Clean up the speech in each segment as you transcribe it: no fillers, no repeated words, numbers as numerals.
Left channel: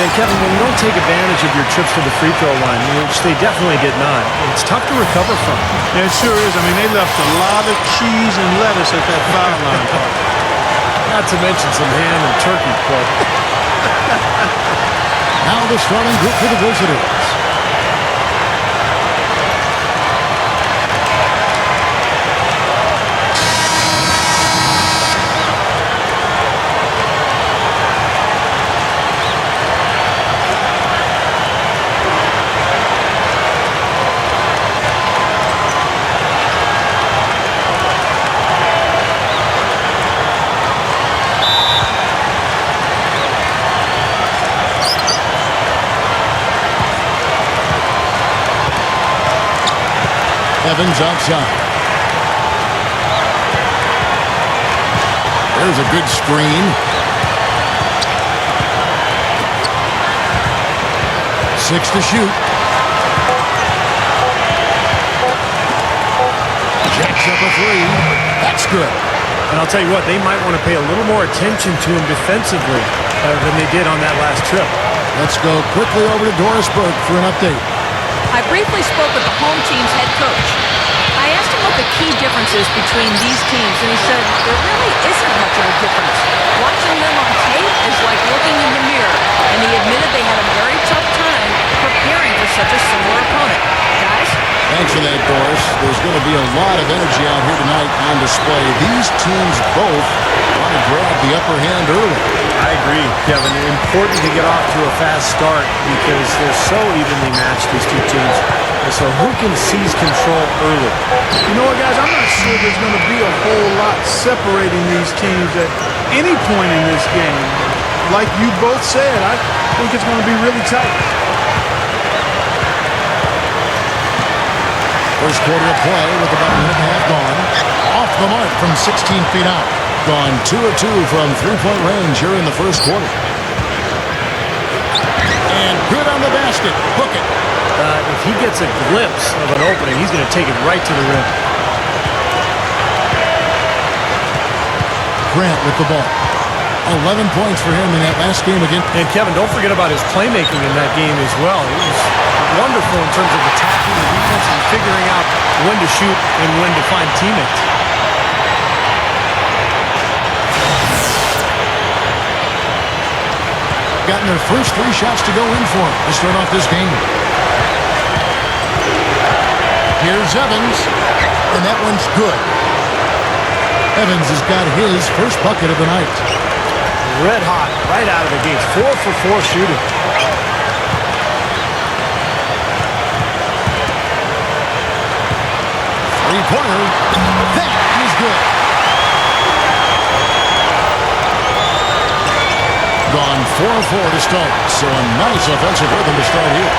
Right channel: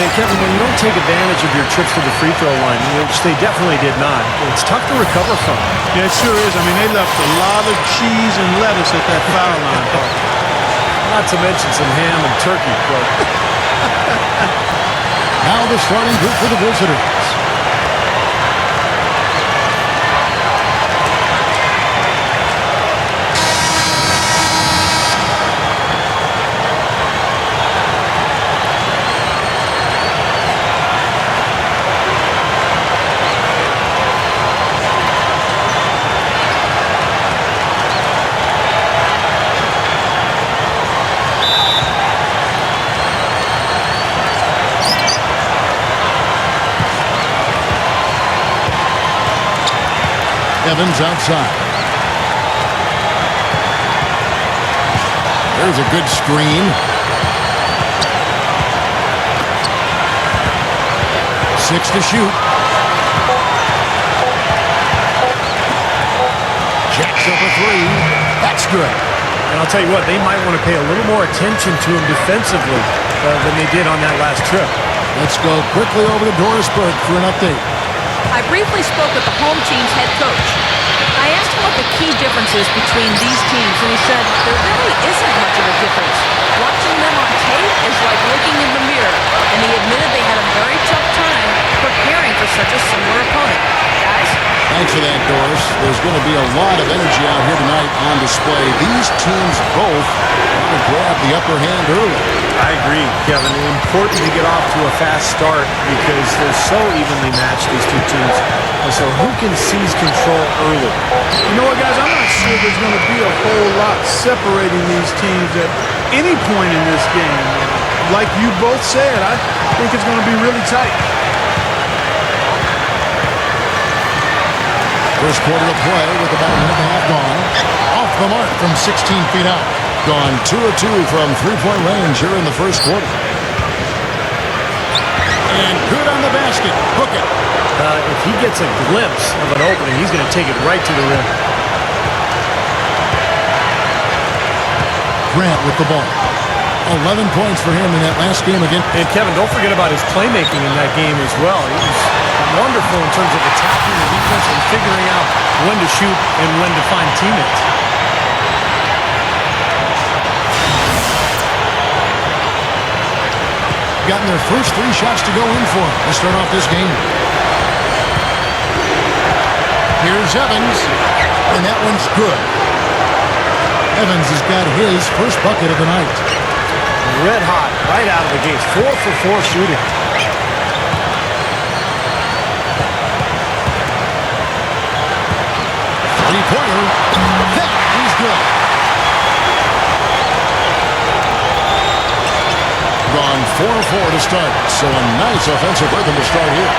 And Kevin, when you don't take advantage of your trips to the free throw line, which they definitely did not, it's tough to recover from. Yeah, it sure is. I mean, they left a lot of cheese and lettuce at that foul line, partner. Not to mention some ham and turkey, Clark. Now the starting group for the visitors. Evans outside. There's a good screen. 6 to shoot. Jacks up a 3. That's good. And I'll tell you what, they might want to pay a little more attention to him defensively than they did on that last trip. Let's go quickly over to Doris Burke for an update. I briefly spoke with the home team's head coach. I asked him what the key difference is between these teams, and he said there really isn't much of a difference. Watching them on tape is like looking in the mirror, and he admitted they had a very tough time preparing for such a similar opponent. Guys? Thanks for that, Doris. There's going to be a lot of energy out here tonight on display. These teams both want to grab the upper hand early. I agree, Kevin. Important to get off to a fast start because they're so evenly matched, these two teams. And so who can seize control early? You know what, guys? I'm not sure there's going to be a whole lot separating these teams at any point in this game. Like you both said, I think it's going to be really tight. First quarter of play with about a minute and a half gone. Off the mark from 16 feet out. Gone 2 of 2 from three-point range here in the first quarter. And good on the basket. Book it. If he gets a glimpse of an opening, he's going to take it right to the rim. Grant with the ball. 11 points for him in that last game again. And Kevin, don't forget about his playmaking in that game as well. He was wonderful in terms of attacking the defense and figuring out when to shoot and when to find teammates. Gotten their first 3 shots to go in for him to start off this game. Here's Evans, and that one's good. Evans has got his first bucket of the night. Red hot right out of the gates. 4 for 4 shooting. Three-pointer. That is good. Gone 4 of 4 to start. So a nice offensive rhythm to start here.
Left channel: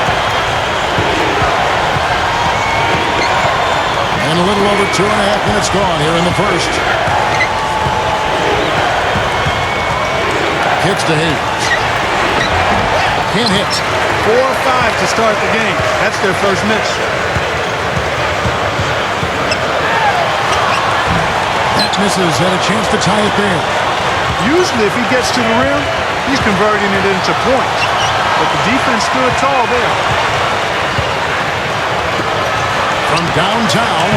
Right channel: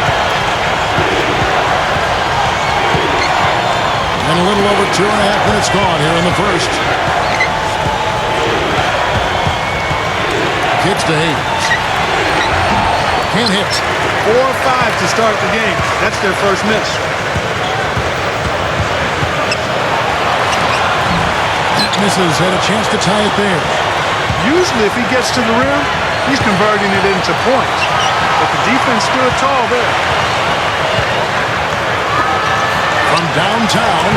And a little over 2.5 minutes gone here in the first. Kicks to Hayes. Can't hit. 4 or 5 to start the game. That's their first miss. That misses. Had a chance to tie it there. Usually if he gets to the rim, he's converting it into points. But the defense stood tall there. From downtown,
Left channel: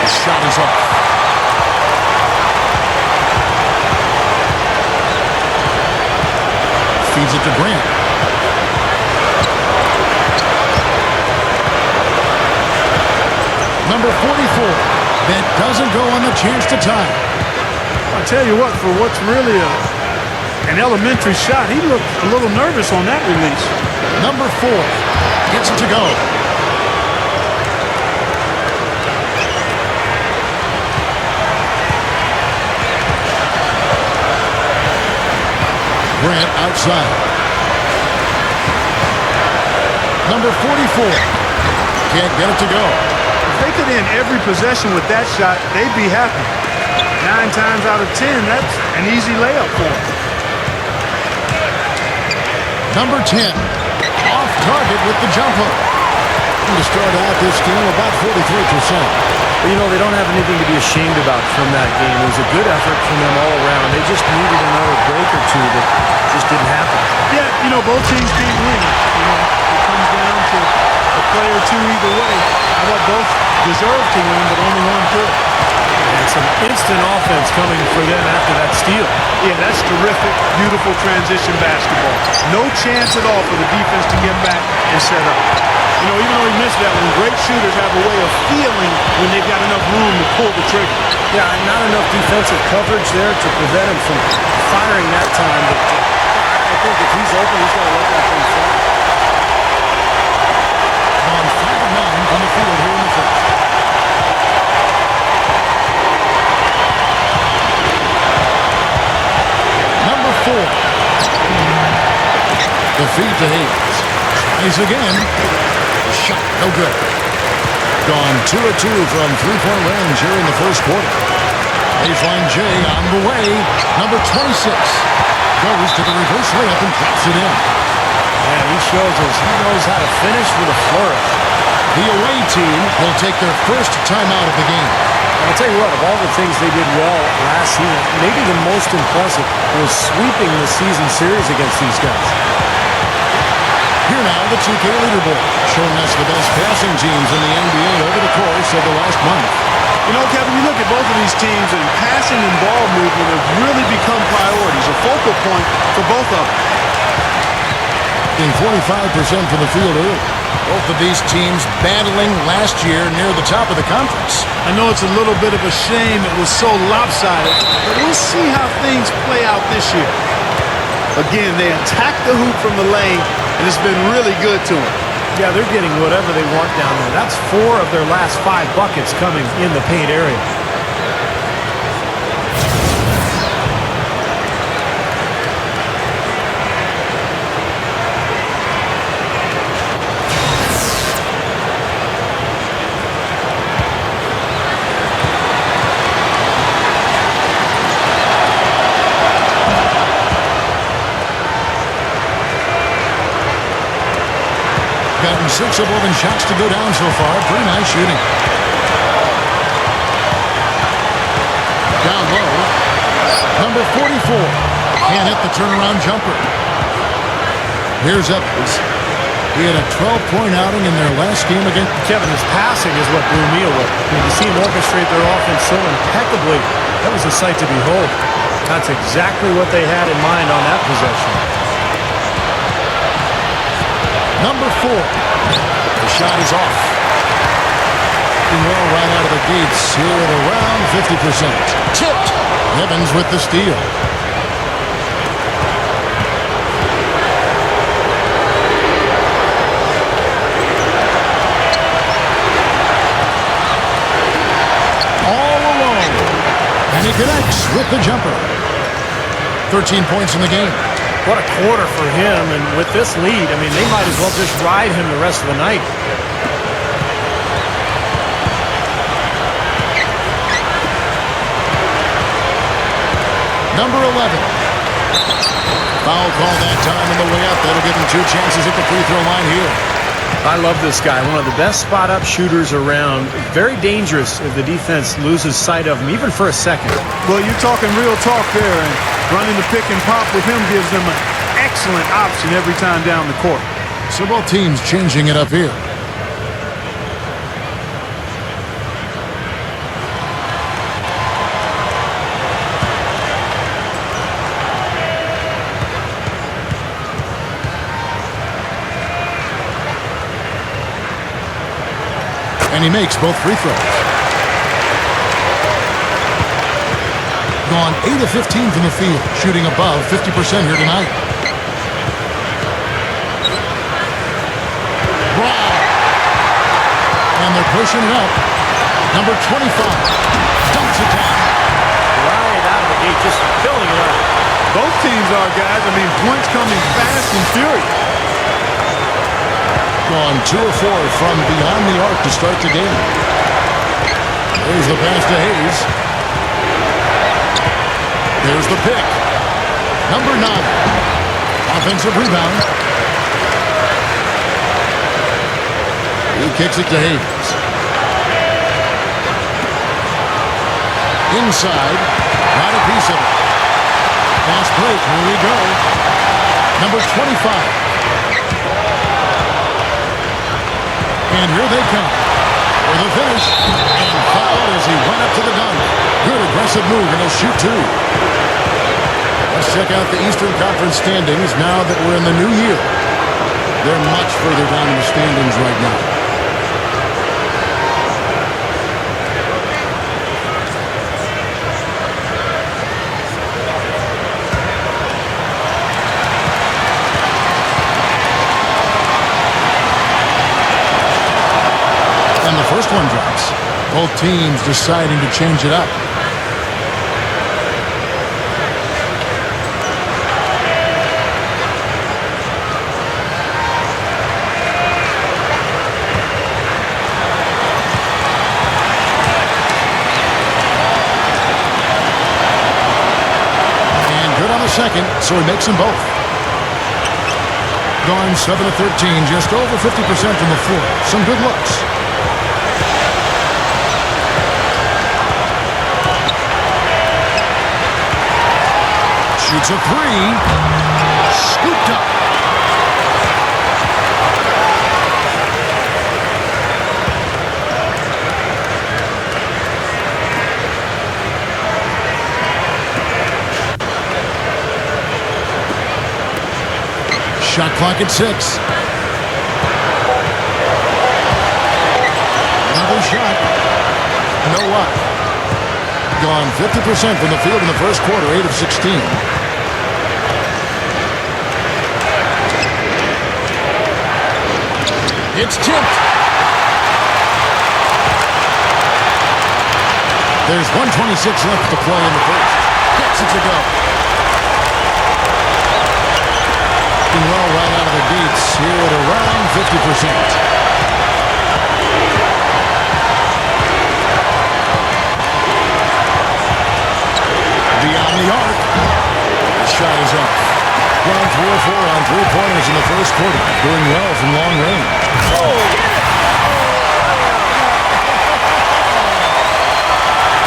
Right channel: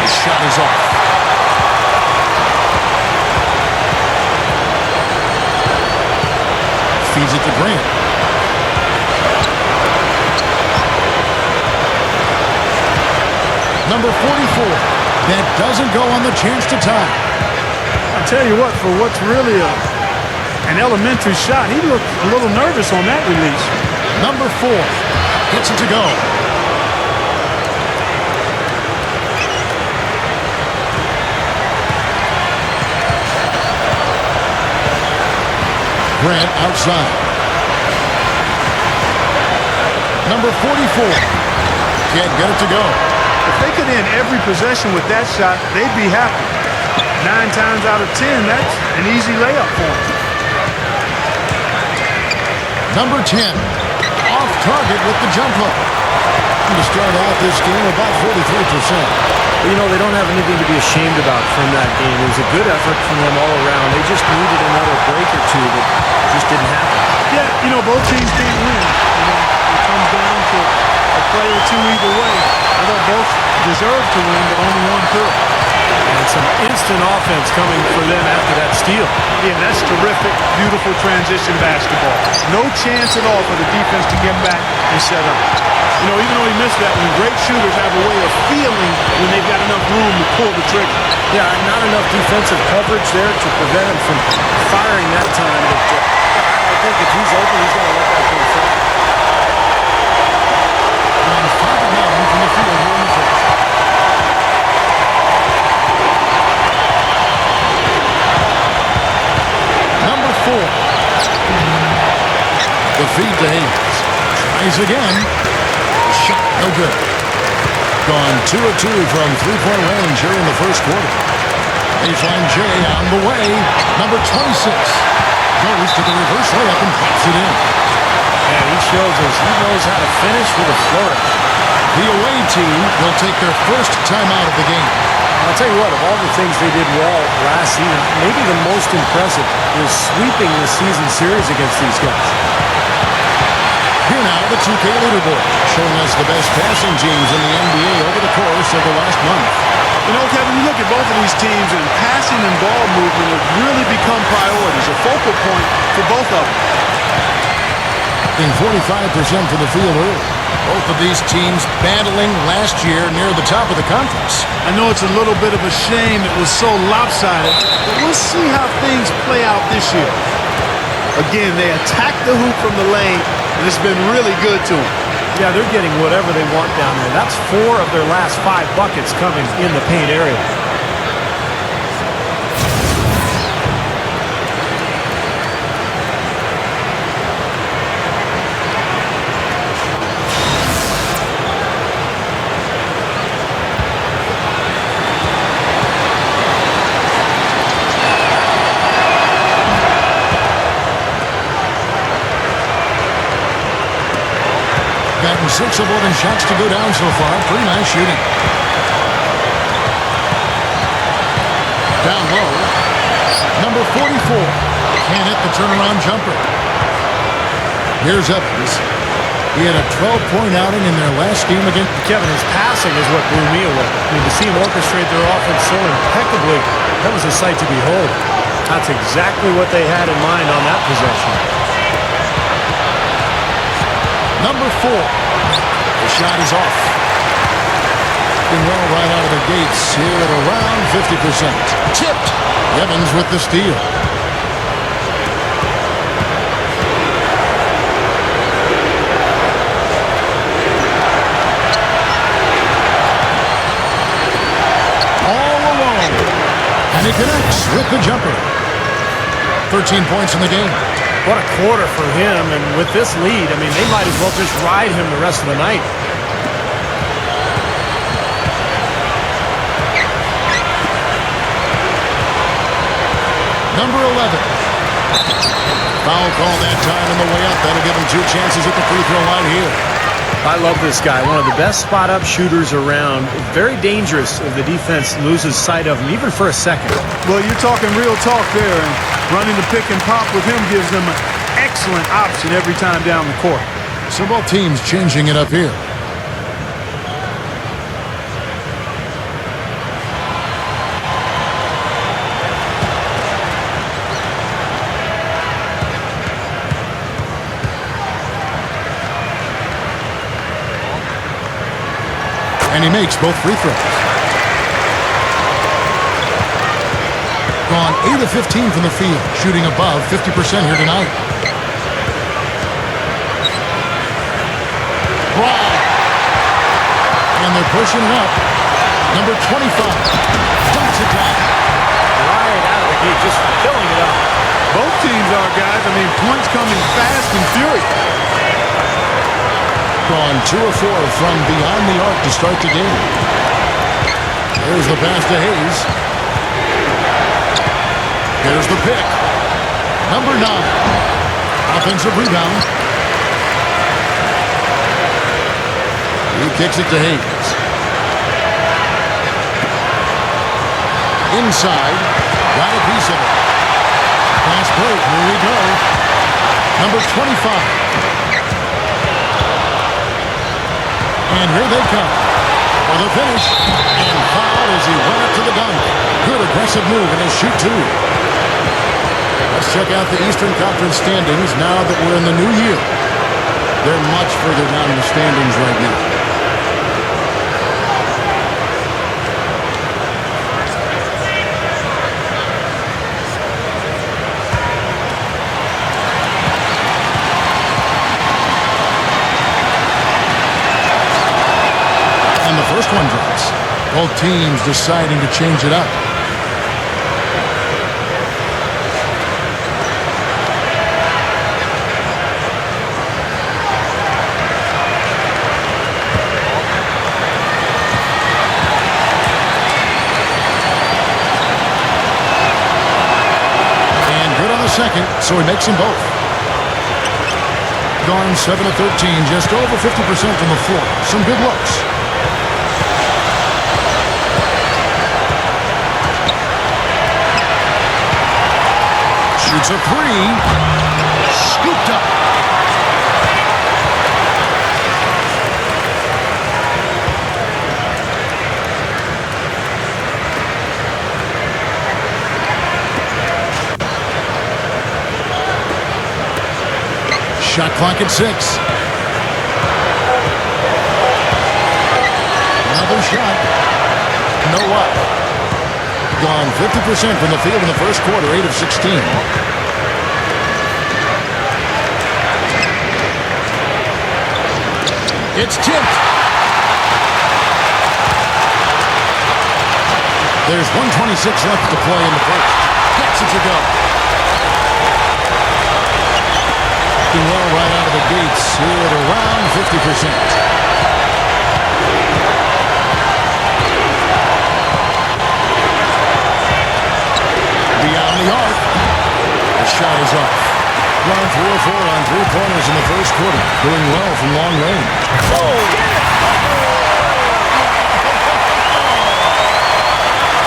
the shot is off. Feeds it to Grant. Number 44. That doesn't go on the chance to tie. I'll tell you what, for what's really an elementary shot, he looked a little nervous on that release. Number 4 gets it to go. Grant outside. Number 44 can't get it to go. If they could end every possession with that shot, they'd be happy. 9 times out of 10, that's an easy layup for them. Number 10 off target with the jump hook. And to start out this game, about 43%. But, they don't have anything to be ashamed about from that game. It was a good effort from them all around. They just needed another break or two that just didn't happen. Yeah, both teams can't win. It comes down to a play or two either way. I thought both deserved to win, but only one could. And some instant offense coming for them after that steal. Yeah, that's terrific, beautiful transition basketball. No chance at all for the defense to get back and set up. Even though he missed that one, great shooters have a way of feeling when they've got enough room to pull the trigger. Yeah, not enough defensive coverage there to prevent him from firing that time. But I think if he's open, he's got to let that thing fly. Gone 5 of 9 from the field here in the first. Number 4. The feed to Hayes. Tries again. The shot, no good. Gone 2 of 2 from three-point range here in the first quarter. Baseline J on the way. Number 26 goes to the reverse layup and drops it in. Man, he shows us he knows how to finish with a flourish. The away team will take their first timeout of the game. And I'll tell you what, of all the things they did well last season, maybe the most impressive was sweeping the season series against these guys. Here now, the 2K leaderboard, showing us the best passing teams in the NBA over the course of the last month. Kevin, you look at both of these teams, and passing and ball movement have really become priorities, a focal point for both of them. 45% from the field early. Both of these teams battling last year near the top of the conference. I know it's a little bit of a shame it was so lopsided, but we'll see how things play out this year. Again, they attack the hoop from the lane, and it's been really good to them. Yeah, they're getting whatever they want down there. That's 4 of their last 5 buckets coming in the paint area. Gotten 6 of 11 shots to go down so far. Pretty nice shooting. Down low. Number 44. Can't hit the turnaround jumper. Here's Evans. He had a 12-point outing in their last game against... Kevin, his passing is what blew me away. To see him orchestrate their offense so impeccably, that was a sight to behold. That's exactly what they had in mind on that possession. Number 4. The shot is off. Doing well right out of the gates here at around 50%. Tipped. Evans with the steal. All alone. And he connects with the jumper. 13 points in the game. What a quarter for him, and with this lead, they might as well just ride him the rest of the night. Number 11. Foul call that time on the way up. That'll give him 2 chances at the free throw line here. I love this guy. One of the best spot-up shooters around. Very dangerous if the defense loses sight of him, even for a second. Well, you're talking real talk there, and running the pick and pop with him gives them an excellent option every time down the court. So both teams changing it up here. And he makes both free throws. Gone 8 of 15 from the field, shooting above 50% here tonight. Right. And they're pushing it up. Number 25 dumps it down. Right out of the gate, just filling it up. Both teams are, guys. Points coming fast and furious. Gone 2 of 4 from beyond the arc to start the game. There's the pass to Hayes. There's the pick. Number 9. Offensive rebound. He kicks it to Hayes. Inside. Got a piece of it. Fast break. Here we go. Number 25. And here they come for the finish. And fouled as he went up to the dunk. Good aggressive move, and he'll shoot two. Let's check out the Eastern Conference standings now that we're in the new year. They're much further down in the standings right now. And the first one drops. Both teams deciding to change it up. And good on the second, so he makes them both. Gone 7 of 13, just over 50% from the floor. Some good looks. Shoots a three. Scooped up. Shot clock at 6. Another shot. No luck. Gone 50% from the field in the first quarter, 8 of 16. It's tipped. There's 1:26 left to play in the first. Gets it to go. Doing well right out of the gates here at around 50%. Beyond the arc. The shot is off. Gone 3 of 4 on three-pointers in the first quarter. Doing well from long range. Oh! Get it!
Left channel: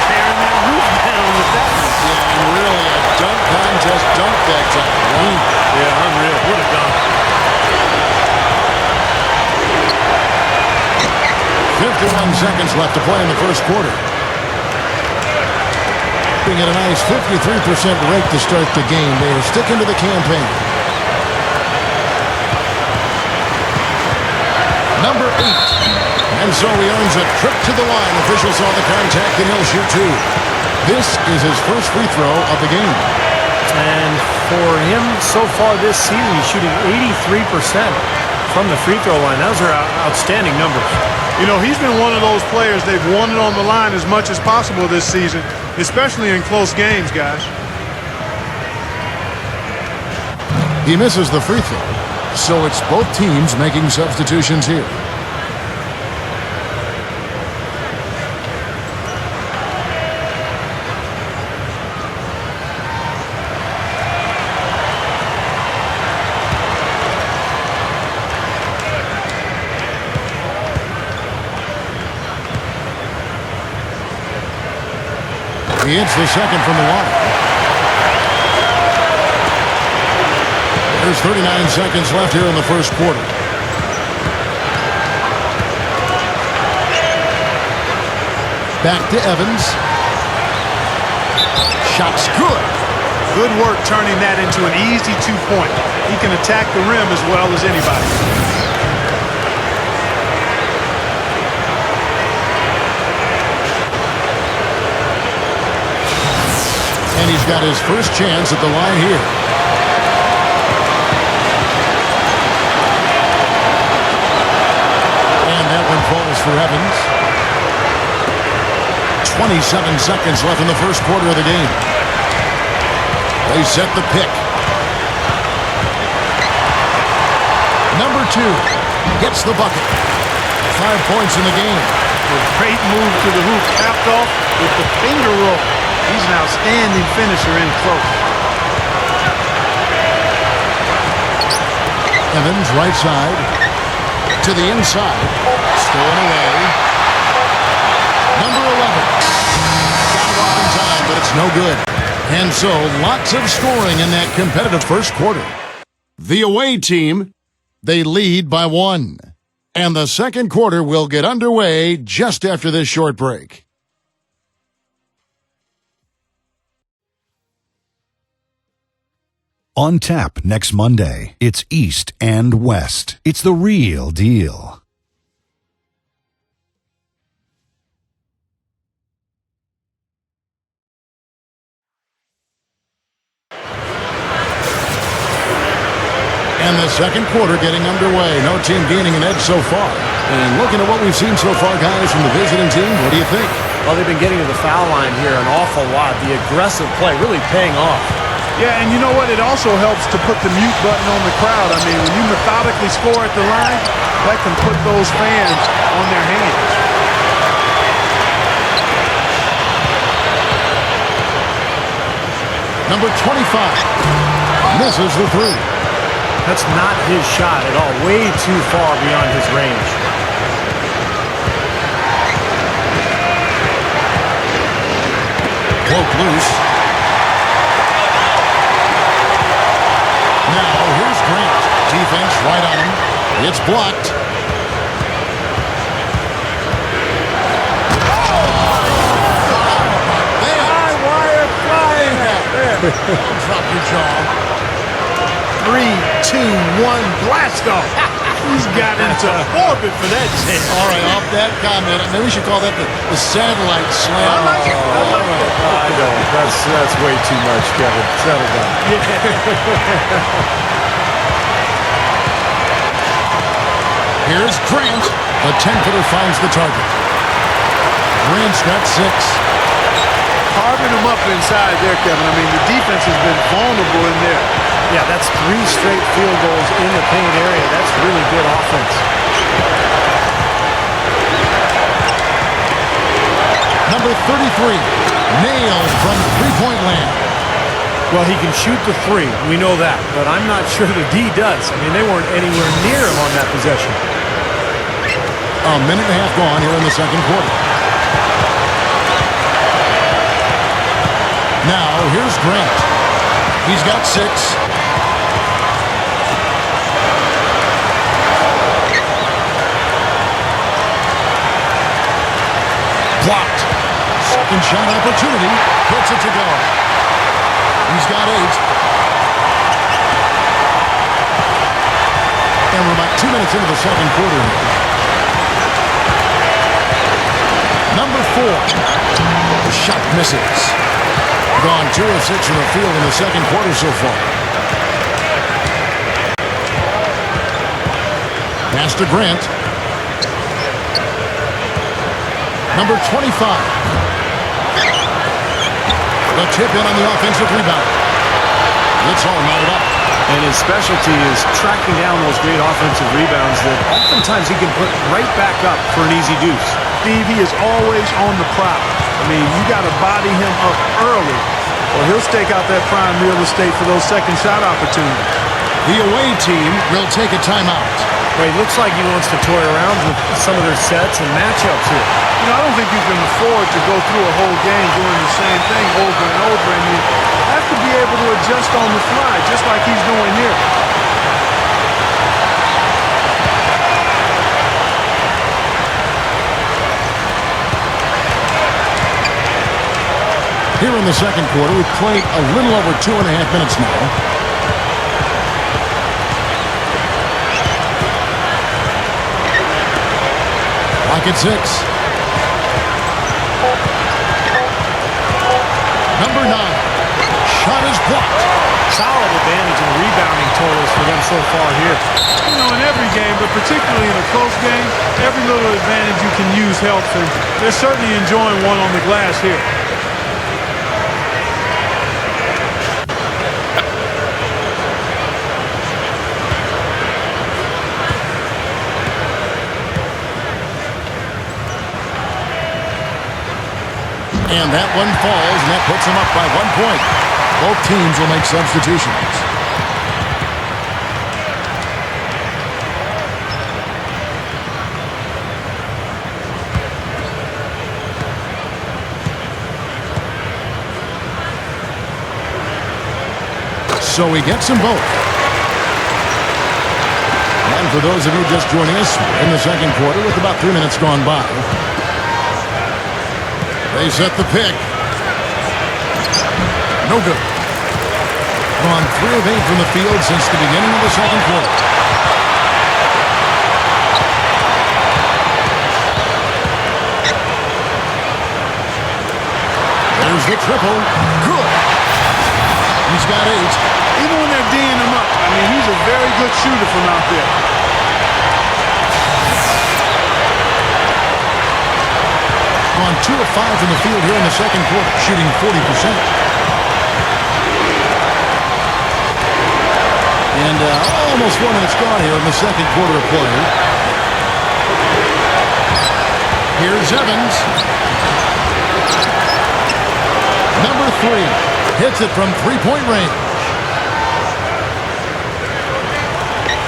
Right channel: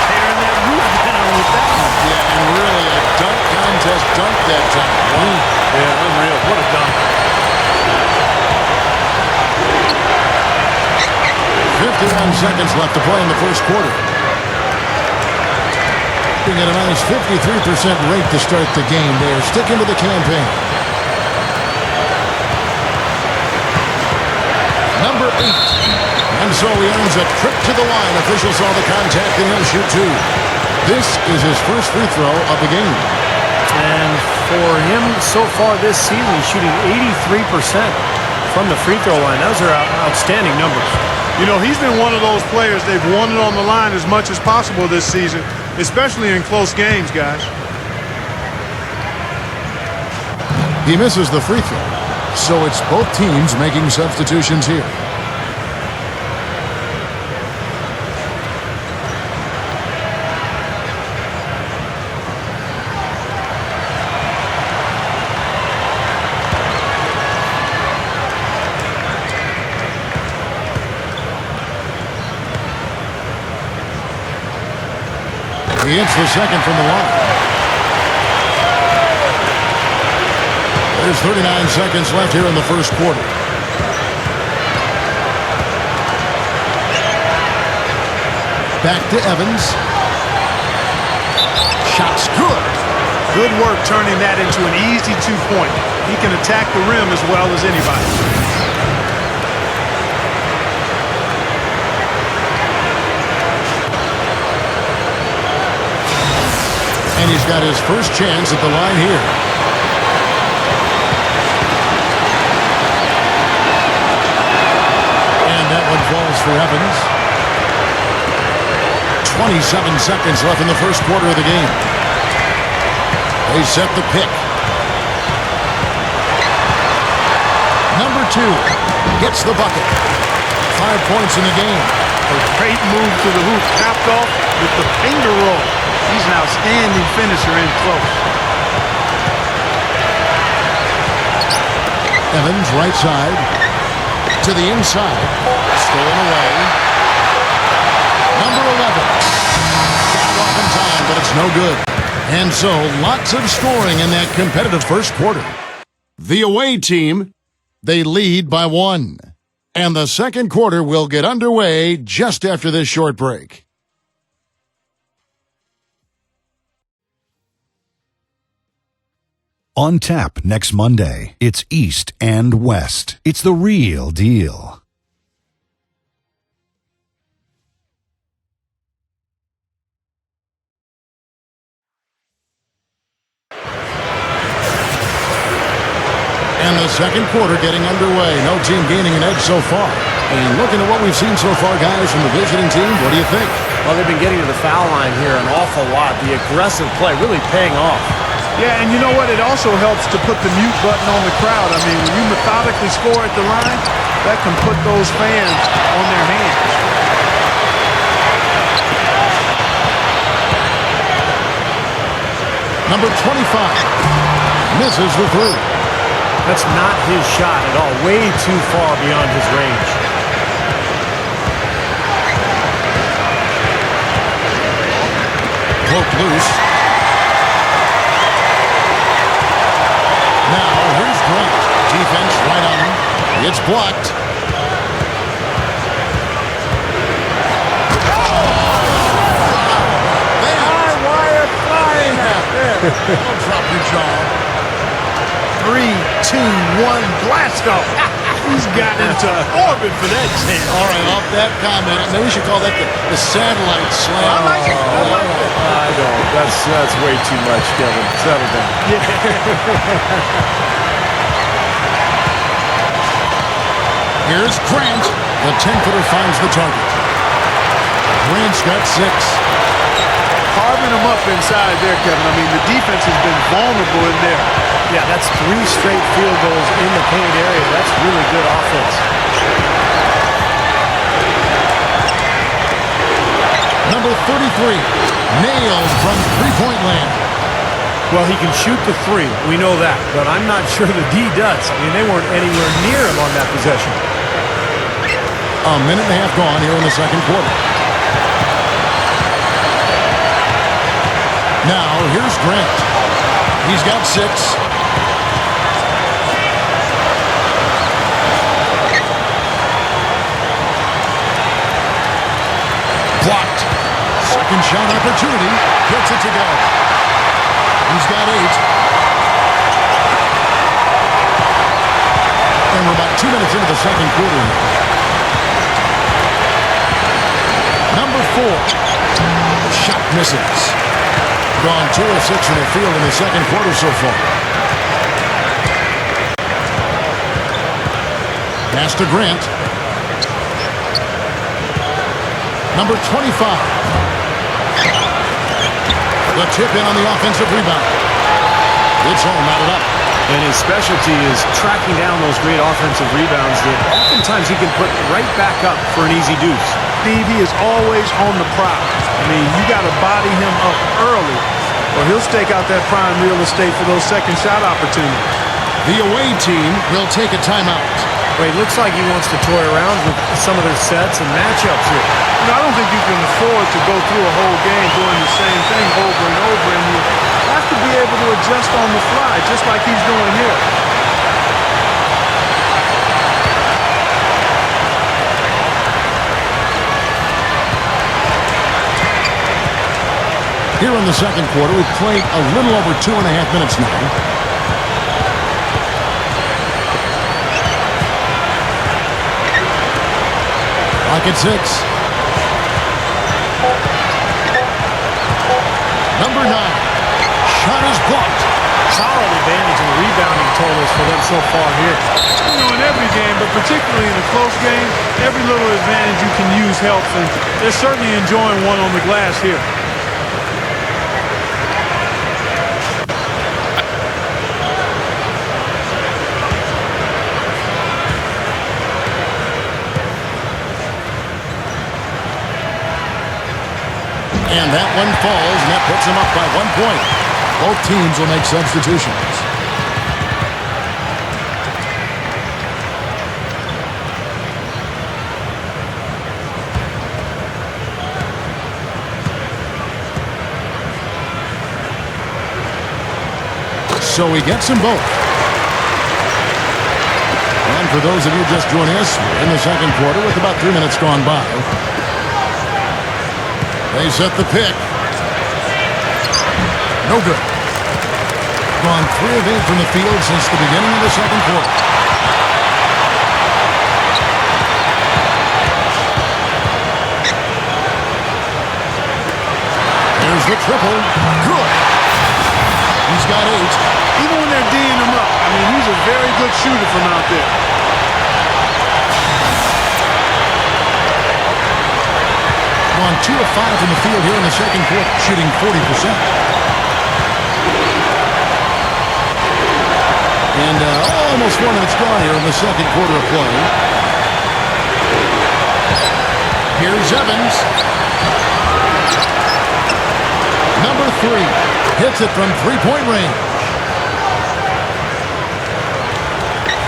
Tearing that roof down with that one. Yeah, and really a dunk contest dunk that time. Wow. Yeah, unreal. What a dunk. 51 seconds left to play in the first quarter. Being at a nice 53% rate to start the game. They are sticking to the campaign. Number 8. And so he earns a trip to the line. Officials saw the contact and he'll shoot two. This is his first free throw of the game. And for him so far this season, he's shooting 83% from the free throw line. Those are outstanding numbers. You know, he's been one of those players they've wanted on the line as much as possible this season, especially in close games, guys. He misses the free throw, so it's both teams making substitutions here. He hits the second from the line. There's 39 seconds left here in the first quarter. Back to Evans. Shot's good. Good work turning that into an easy 2-point. He can attack the rim as well as anybody. And he's got his first chance at the line here. And that one falls for Evans. 27 seconds left in the first quarter of the game. They set the pick. Number 2 gets the bucket. 5 points in the game. A great move to the hoop, capped off with the finger roll. He's an outstanding finisher in close. Evans, right side. To the inside. Stolen away. Number 11. Got off in time, but it's no good. And so, lots of scoring in that competitive first quarter. The away team, they lead by 1. And the second quarter will get underway just after this short break. On tap next Monday, it's East and West. It's the real deal. And the second quarter getting underway. No team gaining an edge so far. And looking at what we've seen so far, guys, from the visiting team, what do you think? Well, they've been getting to the foul line here an awful lot. The aggressive play really paying off. Yeah, and you know what? It also helps to put the mute button on the crowd. I mean, when you methodically score at the line, that can put those fans on their hands. Number 25 misses the three. That's not his shot at all. Way too far beyond his range. Broke loose. Now, here's Grant. Defense right on him. It's blocked. High wire flying out there. That'll drop your jaw. 3, 2, 1, blast off. He's got into orbit for that jam. All right, off that comment, maybe we should call that the satellite slam. I like it. I like that. I don't. That's way too much, Kevin. Settle down. Here's Grant. The 10-footer finds the target. Grant's got 6. Carving him up inside there, Kevin. I mean, the defense has been vulnerable in there. Yeah, that's 3 straight field goals in the paint area. That's really good offense. Number 33, nailed from three-point land. Well, he can shoot the 3. We know that. But I'm not sure the D does. I mean, they weren't anywhere near him on that possession. A minute and a half gone here in the second quarter. Now, here's Grant. He's got 6. Blocked. Second shot opportunity. Gets it to go. He's got 8. And we're about 2 minutes into the second quarter here. Number 4. The shot misses. Gone 2 of 6 from the field in the second quarter so far. Pass to Grant. Number 25. The tip in on the offensive rebound. It's all knotted up. And his specialty is tracking down those great offensive rebounds that oftentimes he can put right back up for an easy deuce. Steve, he is always on the prowl. I mean, you got to body him up early, or he'll stake out that prime real estate for those second shot opportunities. The away team will take a timeout. Well, he looks like he wants to toy around with some of their sets and matchups here. You know, I don't think you can afford to go through a whole game doing the same thing over and over, and you have to be able to adjust on the fly, just like he's doing here. Here in the second quarter, we've played a little over 2.5 minutes now. Clock at 6. Number 9. Shot is blocked. Solid advantage in the rebounding totals for them so far here. You know, in every game, but particularly in a close game, every little advantage you can use helps, and they're certainly enjoying one on the glass here. And that one falls, and that puts them up by 1 point. Both teams will make substitutions. So he gets them both. And for those of you just joining us, we're in the second quarter with about 3 minutes gone by. They set the pick. No good. Gone 3 of 8 from the field since the beginning of the second quarter. There's the triple. Good. He's got 8. Even when they're D'ing him up, I mean, he's a very good shooter from out there. Gone 2 of 5 from the field here in the second quarter, shooting 40%. And almost 4 minutes gone here in the second quarter of play. Here's Evans. Number 3 hits it from three-point range.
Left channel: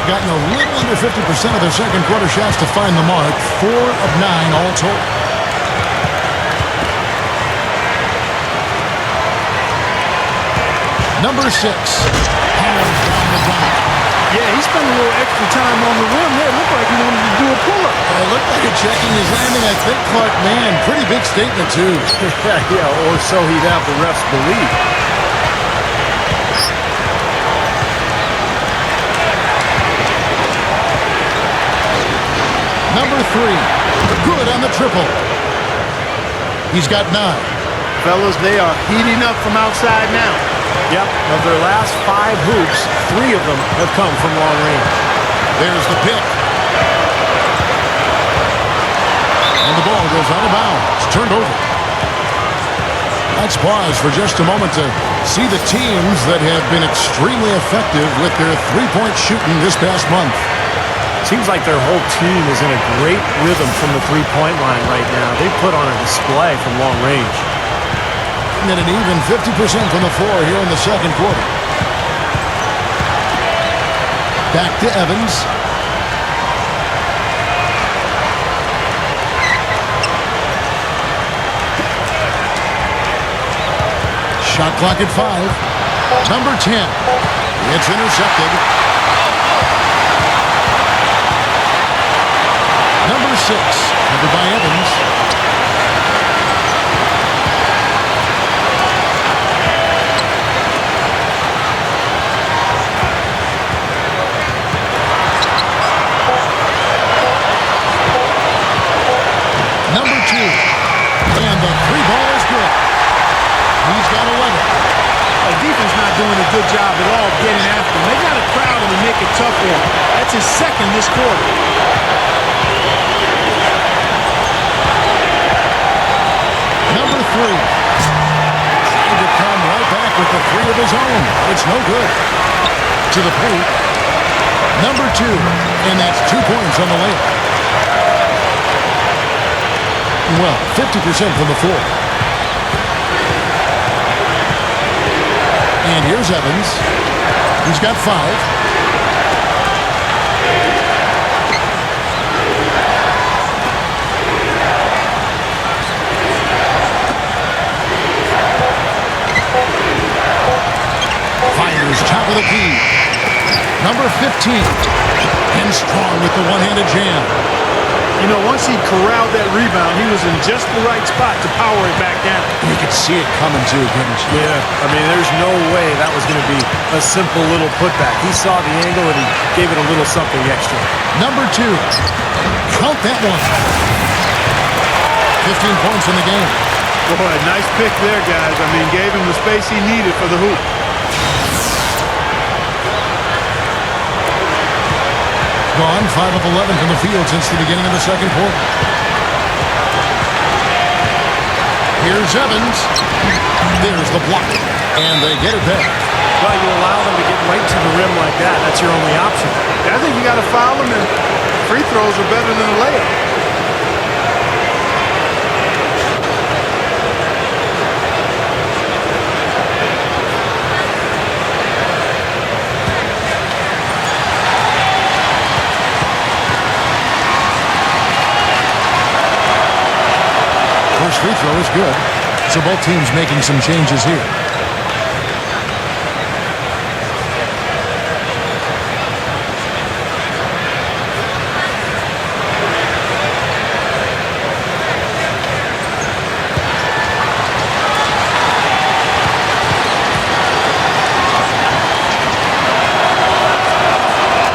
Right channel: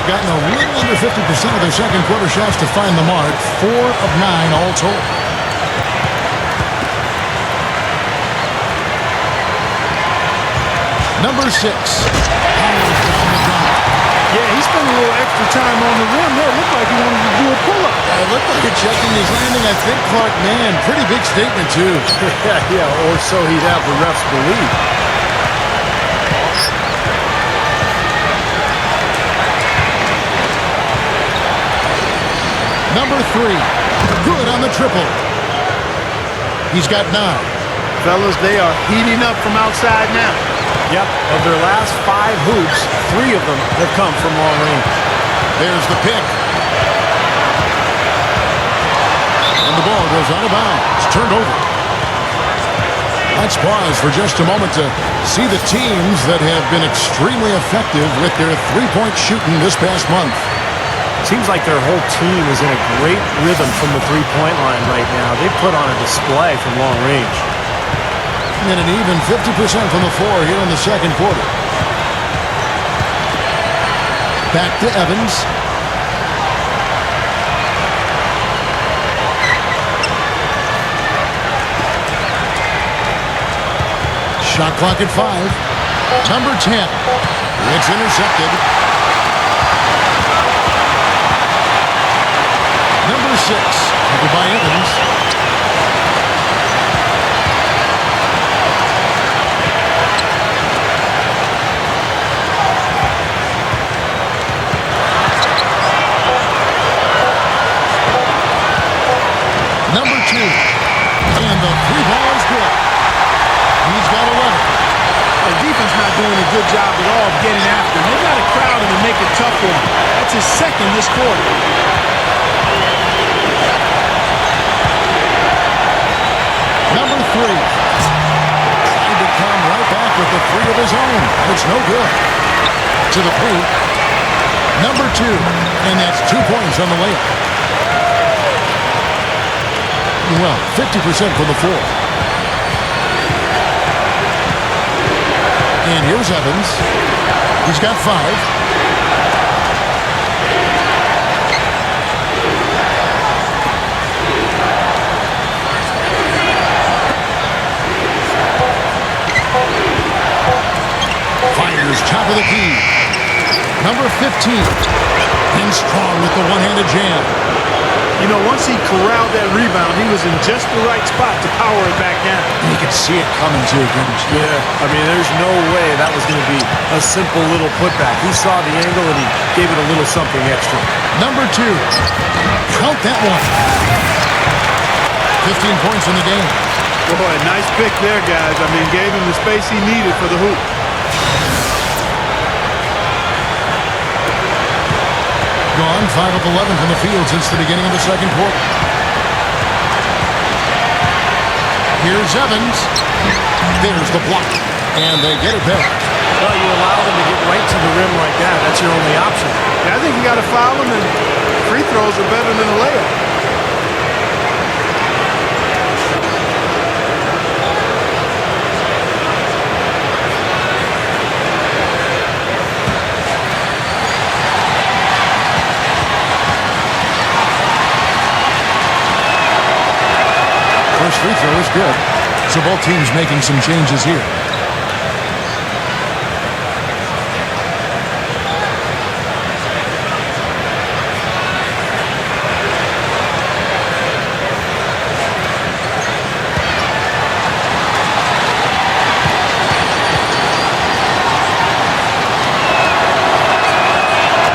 Gotten a little under 50% of their second quarter shots to find the mark. 4 of 9 all told. Number 6 powers down the dunk. Yeah, he spent a little extra time on the rim there. It looked like he wanted to do a pull-up. It looked like it checking his landing. I think Clark, man, pretty big statement too. Yeah, or so he'd have the refs believe. Number 3, good on the triple. He's got 9. Fellas, they are heating up from outside now. Yep, of their last 5 hoops, 3 of them have come from long range. There's the pick. And the ball goes out of bounds. Turned over. Let's pause for just a moment to see the teams that have been extremely effective with their three-point shooting this past month. Seems like their whole team is in a great rhythm from the three-point line right now. They've put on a display from long range. And an even 50% from the floor here in the second quarter. Back to Evans. Shot clock at 5. Number 10. It's intercepted. Number 6. Covered by Evans. Number 2. And the 3 ball is good. He's got 11. The defense not doing a good job at all of getting after him. They've got to crowd him and make it tough for him. That's his second this quarter. Number 3. Trying to come right back with the 3 of his own, but it's no good. To the paint. Number 2. And that's 2 points on the layup. Well, 50% from the floor. And here's Evans. He's got 5. Fires top of the key. Number 15. And strong with the one-handed jam. You know, once he corralled that rebound, he was in just the right spot to power it back down. You could see it coming too, couldn't you? Yeah, I mean, there's no way that was going to be a simple little putback. He saw the angle and he gave it a little something extra. Number 2. Count that one. 15 points in the game. Boy, nice pick there, guys. I mean, gave him the space he needed for the hoop. Gone 5 of 11 from the field since the beginning of the second quarter. Here's Evans. There's the block. And they get it back. Well, you allow them to get right to the rim like that. That's your only option. Yeah, I think you got to foul him, and free throws are better than a layup. First free throw is good. So both teams making some changes here.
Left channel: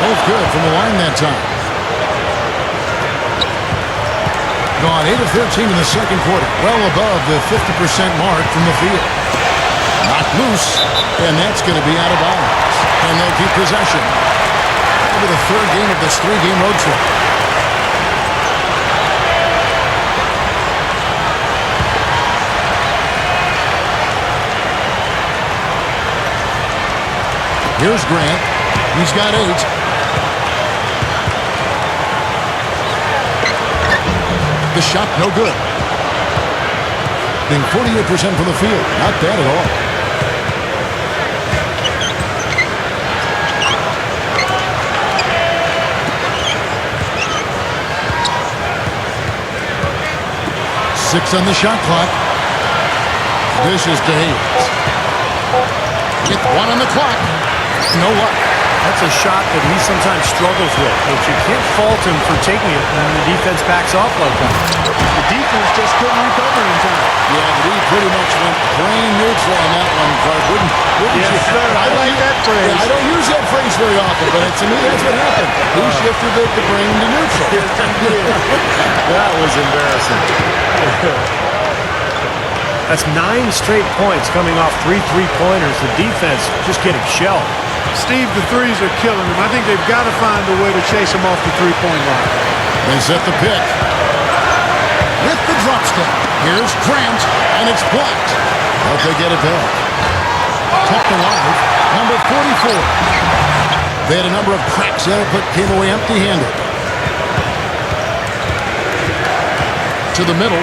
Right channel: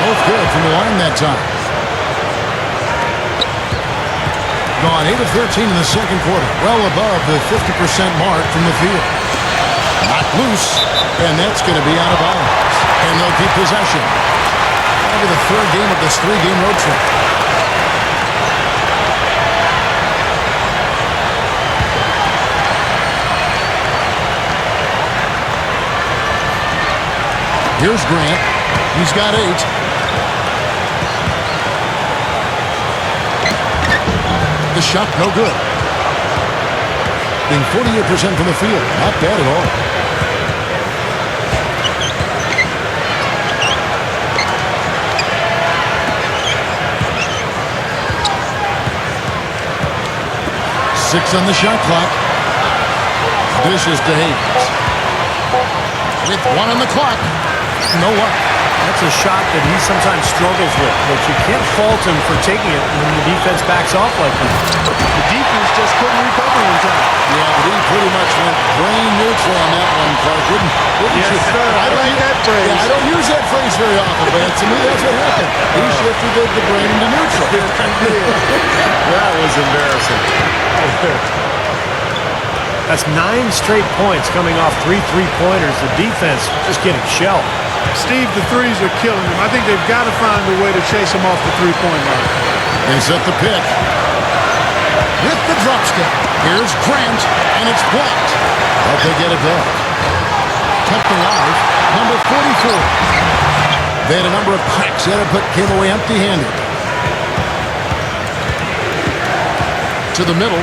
Both good from the line that time. Gone 8 of 13 in the second quarter. Well above the 50% mark from the field. Knocked loose, and that's going to be out of bounds. And they'll keep possession. Over the third game of this 3-game road trip. Here's Grant. He's got 8. The shot, no good. Being 48% from the field. Not bad at all. Six on the shot clock. Dishes to Hayes. With 1 on the clock. No luck. That's a shot that he sometimes struggles with, but you can't fault him for taking it when the defense backs off like that. The defense just couldn't recover in time. Yeah, but he pretty much went brain neutral on that one, Clark. Wouldn't Yes, you? sir. I like that phrase. Yeah, I don't use that phrase very often, but to me, that's what happened. He shifted the brain into neutral. Yes, he did. That was embarrassing. That's 9 straight points coming off 3 3-pointers. The defense just getting shelled. Steve, the threes are killing him. I think they've got to find a way to chase him off the three-point line. They set the pick. With the drop step. Here's Grant, and it's blocked. But they get it back. Kept alive. Number 44. They had a number of cracks at it, but came away empty-handed. To the middle.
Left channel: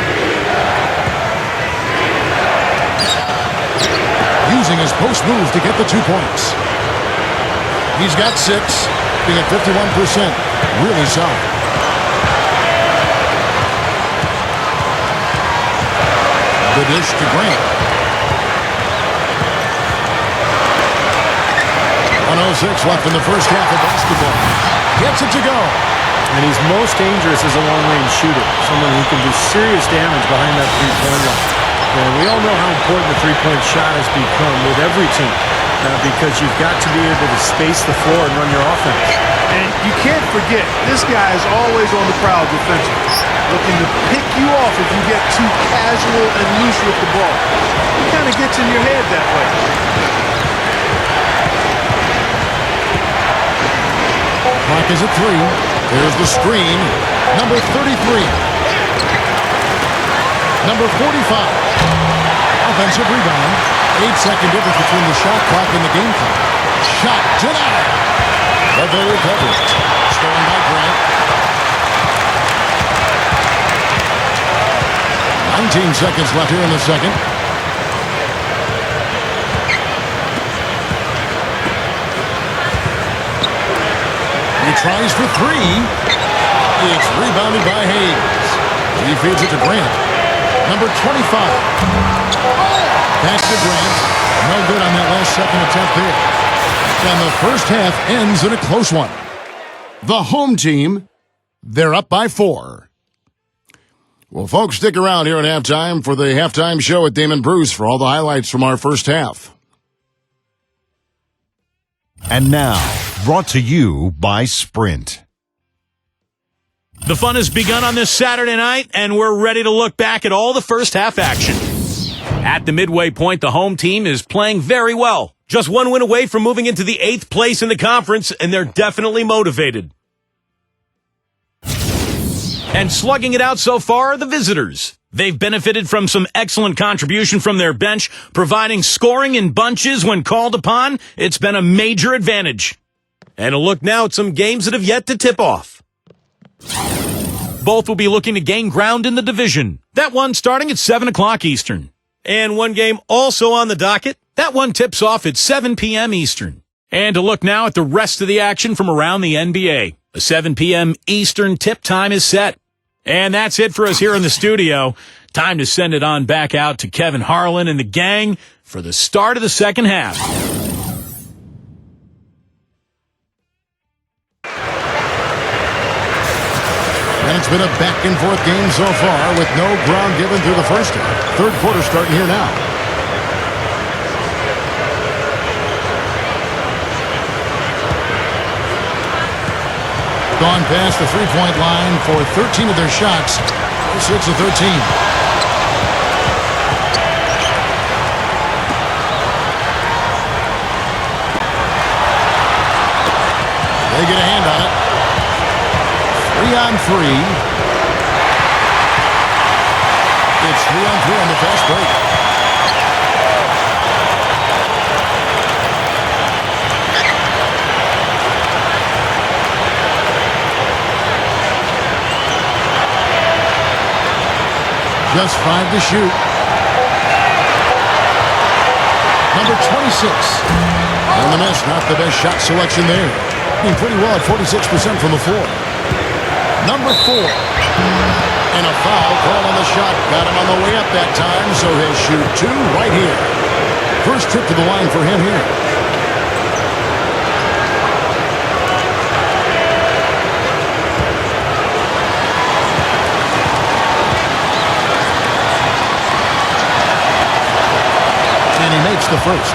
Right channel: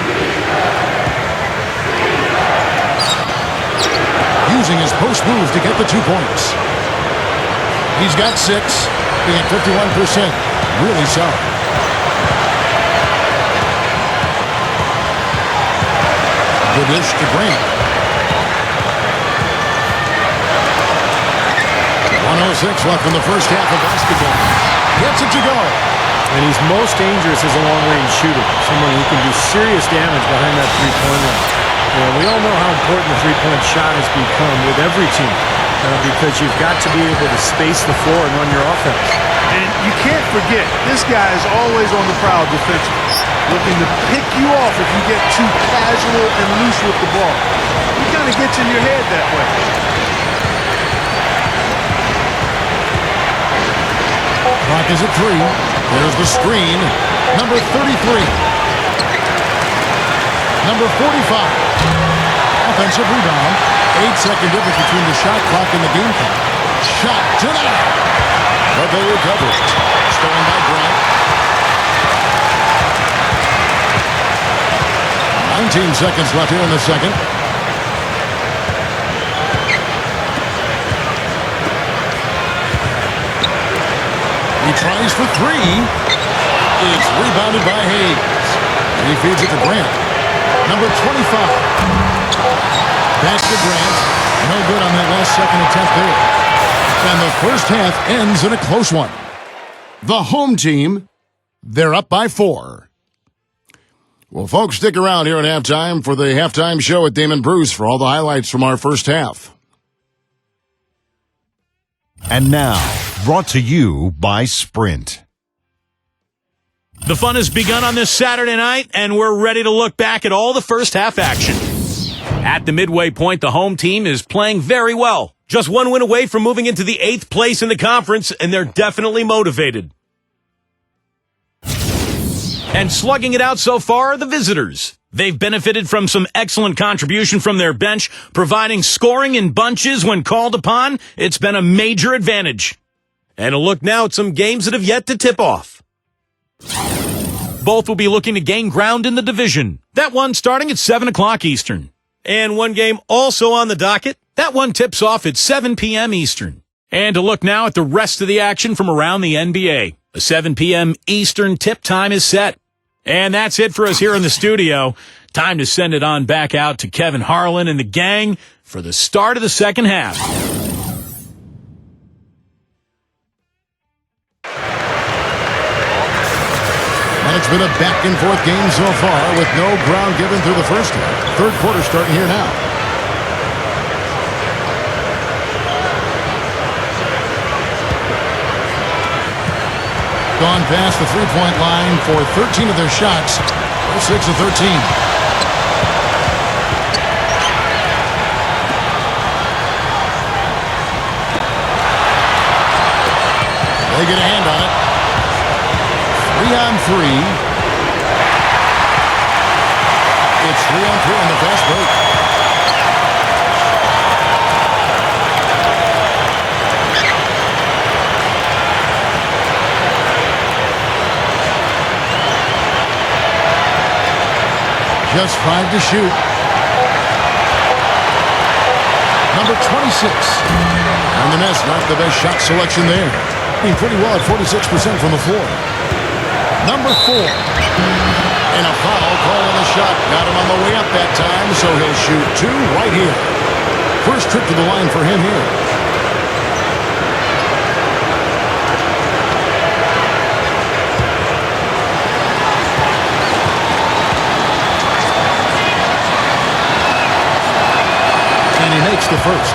Using his post move to get the 2 points. He's got 6, being at 51%. Really solid. The dish to Grant. 1:06 left in the first half of basketball. Gets it to go. And he's most dangerous as a long-range shooter, someone who can do serious damage behind that three-point line. And we all know how important the three-point shot has become with every team because you've got to be able to space the floor and run your offense. And you can't forget, this guy is always on the prowl defensively, looking to pick you off if you get too casual and loose with the ball. He kind of gets in your head that way. Clock is at 3. There's the screen. Number 33. Number 45. Offensive rebound. 8-second difference between the shot clock and the game clock. Shot denied. But they recover it. Stolen by Grant. 19 seconds left here in the second. He tries for 3. It's rebounded by Hayes. He feeds it to Grant. Number 25. Back to Grant. No good on that last second attempt there. And the first half ends in a close one. The home team, they're up by 4. Well, folks, stick around here at halftime for the halftime show with Damon Bruce for all the highlights from our first half. And now, brought to you by Sprint. The fun has begun on this Saturday night, and we're ready to look back at all the first half action. At the midway point, the home team is playing very well. Just 1 win away from moving into the 8th place in the conference, and they're definitely motivated. And slugging it out so far are the visitors. They've benefited from some excellent contribution from their bench, providing scoring in bunches when called upon. It's been a major advantage. And a look now at some games that have yet to tip off. Both will be looking to gain ground in the division. That one starting at 7 o'clock Eastern. And one game also on the docket. That one tips off at 7 p.m. Eastern. And to look now at the rest of the action from around the NBA. A 7 p.m. Eastern tip time is set. And that's it for us here in the studio. Time to send it on back out to Kevin Harlan and the gang for the start of the second half. And it's been a back-and-forth game so far with no ground given through the first half. Third quarter starting here now. Gone past the three-point line for 13 of their shots. They're 6 of 13. They get a hand on it. 3-on-3. It's 3-on-3 on the fast break. Just 5 to shoot. Number 26. And the miss, not the best shot selection there. Being pretty well at 46% from the floor. Number 4. And a foul called on the shot. Got him on the way up that time, so he'll shoot 2 right here. First trip to the line for him here. And he makes the first.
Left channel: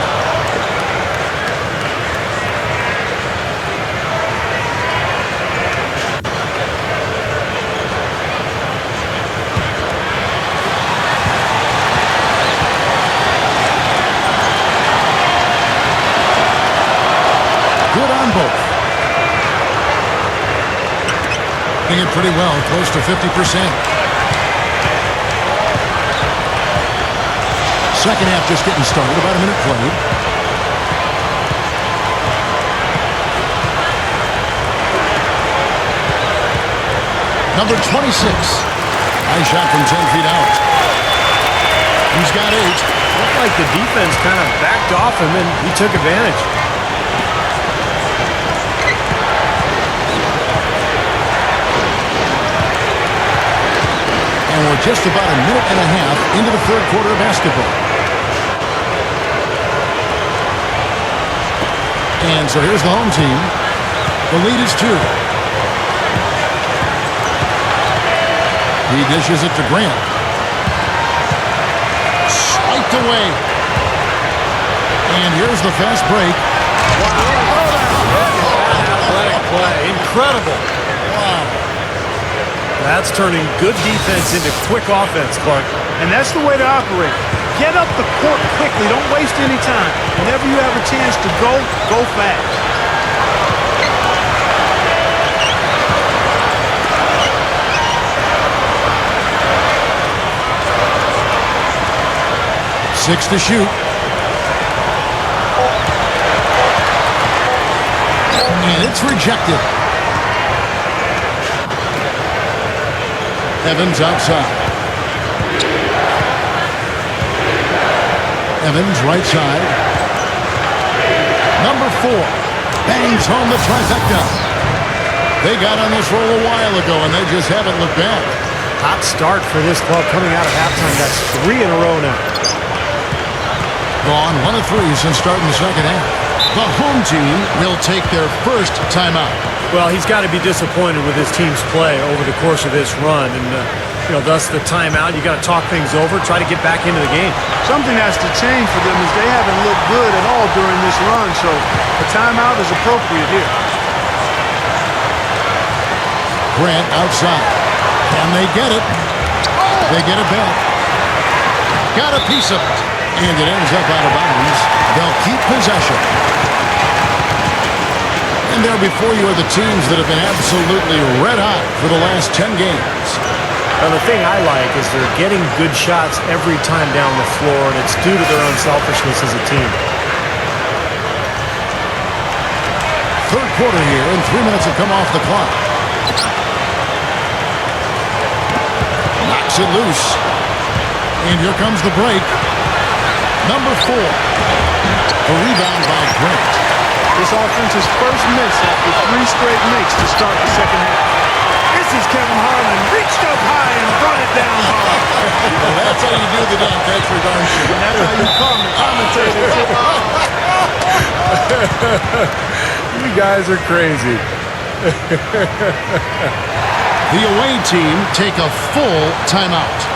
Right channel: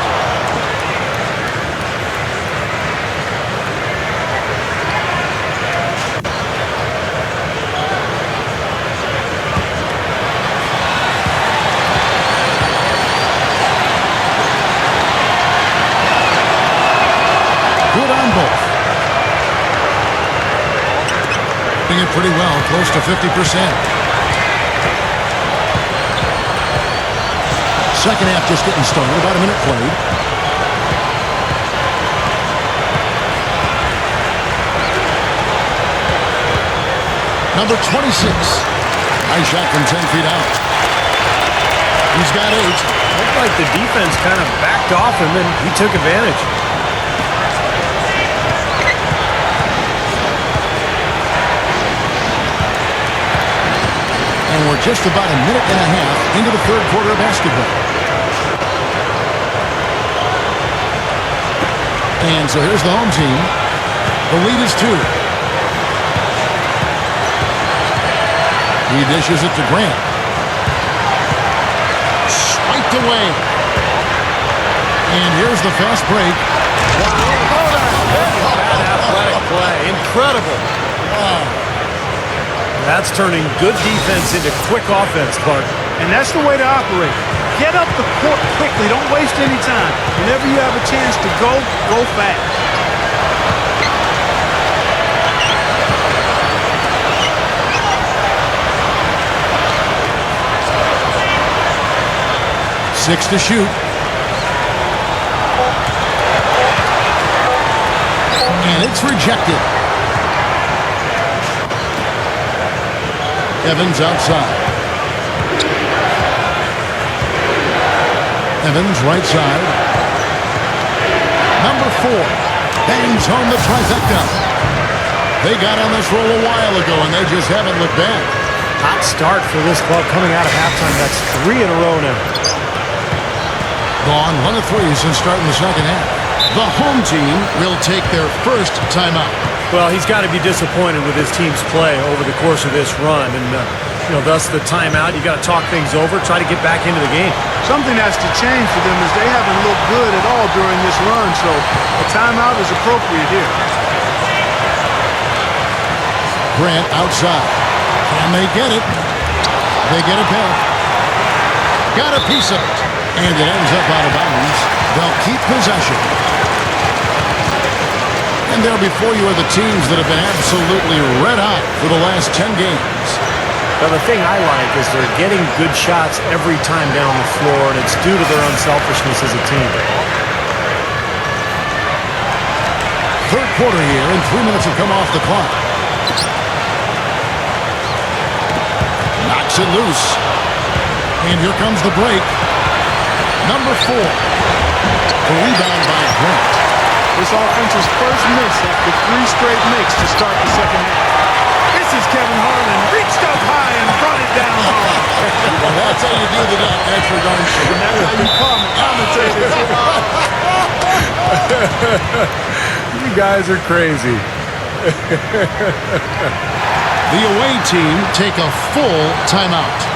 Good on both. Doing it pretty well, close to 50%. Second half just getting started, about a minute played. Number 26. Nice shot from 10 feet out. He's got 8. Looked like the defense kind of backed off him, and he took advantage. And we're just about a minute and a half into the third quarter of basketball. And so here's the home team. The lead is 2. He dishes it to Grant. Swiped away. And here's the fast break. Wow. Look at that athletic play. Incredible. Wow. That's turning good defense into quick offense, Clark. And that's the way to operate. Get up the court quickly. Don't waste any time. Whenever you have a chance to go, go fast. Six to shoot. And it's rejected. Evans outside. Evans right side. Number 4 bangs home the trifecta. They got on this roll a while ago, and they just haven't looked back. Hot start for this club coming out of halftime. That's 3 in a row now. Gone 1 of 3 since starting the second half. The home team will take their first timeout. Well, he's got to be disappointed with his team's play over the course of this run. And, thus the timeout. You got to talk things over, try to get back into the game. Something has to change for them as they haven't looked good at all during this run. So a timeout is appropriate here. Grant outside. Can they get it? They get it back. Got a piece of it. And it ends up out of bounds. They'll keep possession. And there before you are the teams that have been absolutely red hot for the last 10 games. Now, the thing I like is they're getting good shots every time down the floor, and it's due to their unselfishness as a team. Third quarter here, and 3 minutes have come off the clock. Knocks it loose. And here comes the break. Number 4. The rebound by Grant. This offense's first miss after 3 straight makes to start the second half. This is Kevin Harlan. Reached up high and brought it down hard. Well, that's how you do the dunk. That's for darn sure. And that's how you calm the commentators. You guys are crazy. The away team take a full timeout.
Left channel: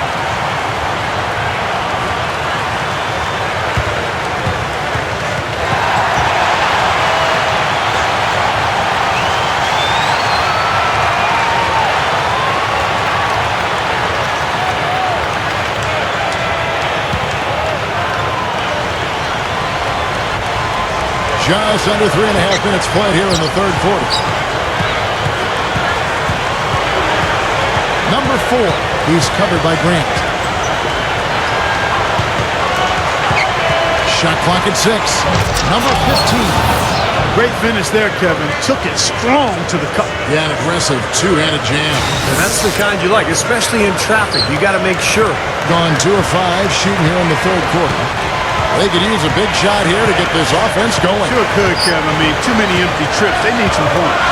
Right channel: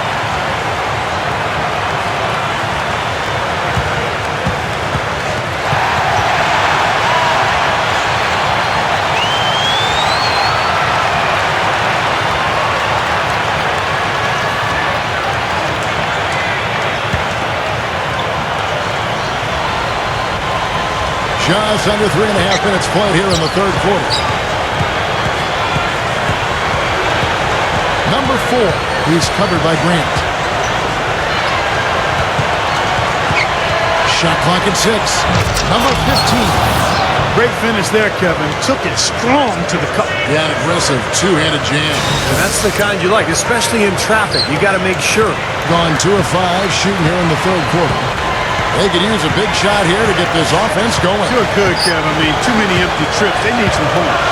Just under 3.5 minutes played here in the third quarter. Number 4. He's covered by Grant. Shot clock at 6. Number 15. Great finish there, Kevin. Took it strong to the cup. Yeah, an aggressive two-handed jam. And that's the kind you like, especially in traffic. You got to make sure. Gone 2 of 5 shooting here in the third quarter. They could use a big shot here to get this offense going. Sure could, Kevin. I mean, too many empty trips. They need some points.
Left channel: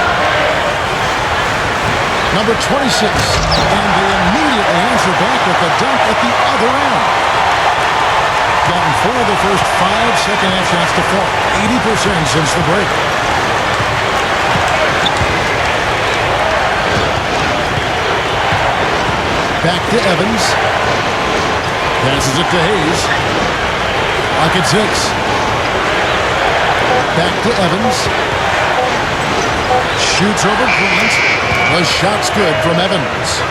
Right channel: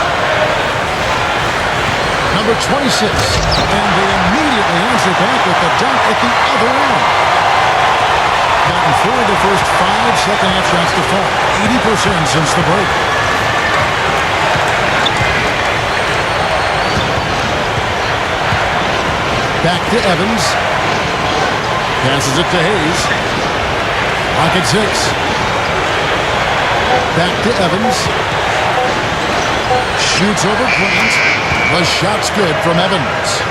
Number 26. And they immediately answer back with the dunk at the other end. Gotten 4 of the first 5 second-half shots to fall. 80% since the break. Back to Evans. Passes it to Hayes. Clock at 6. Back to Evans. Shoots over Grant. The shot's good from Evans.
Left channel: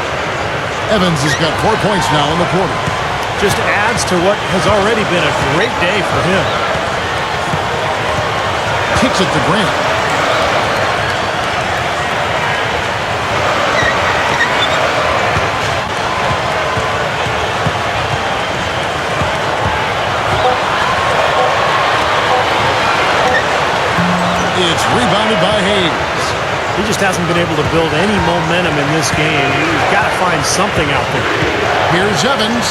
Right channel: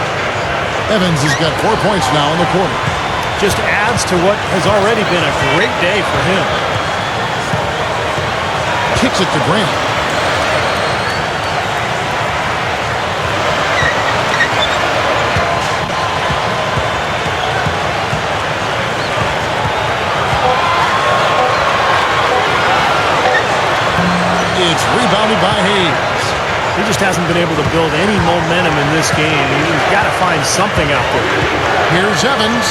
Evans has got 4 points now in the quarter. Just adds to what has already been a great day for him. Kicks it to Grant. It's rebounded by Hayes. He just hasn't been able to build any momentum in this game. He's got to find something out there. Here's Evans.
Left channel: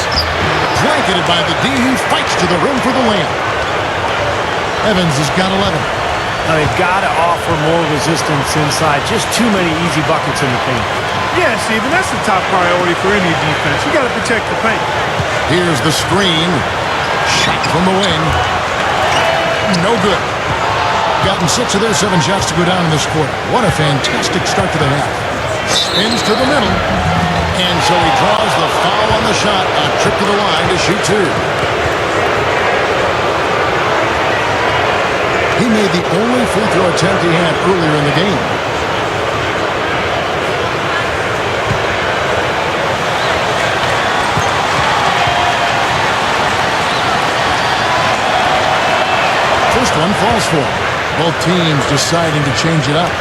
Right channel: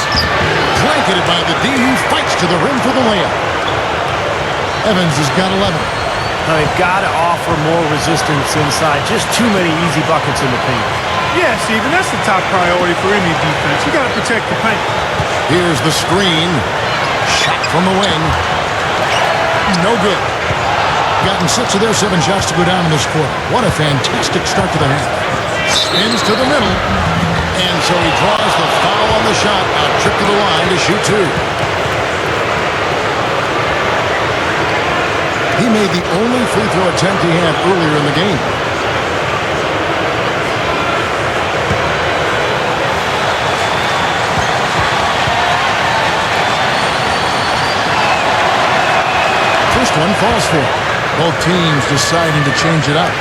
Blanketed by the D. He fights to the rim for the layup. Evans has got 11. Now they've got to offer more resistance inside. Just too many easy buckets in the paint. Yeah, Steven, that's the top priority for any defense. You got to protect the paint. Here's the screen. Shot from the wing. No good. Gotten 6 of their 7 shots to go down in this quarter. What a fantastic start to the half. Spins to the middle. And so he draws the foul on the shot. A trip to the line to shoot 2. He made the only free throw attempt he had earlier in the game. First one falls for him. Both teams deciding to change it up.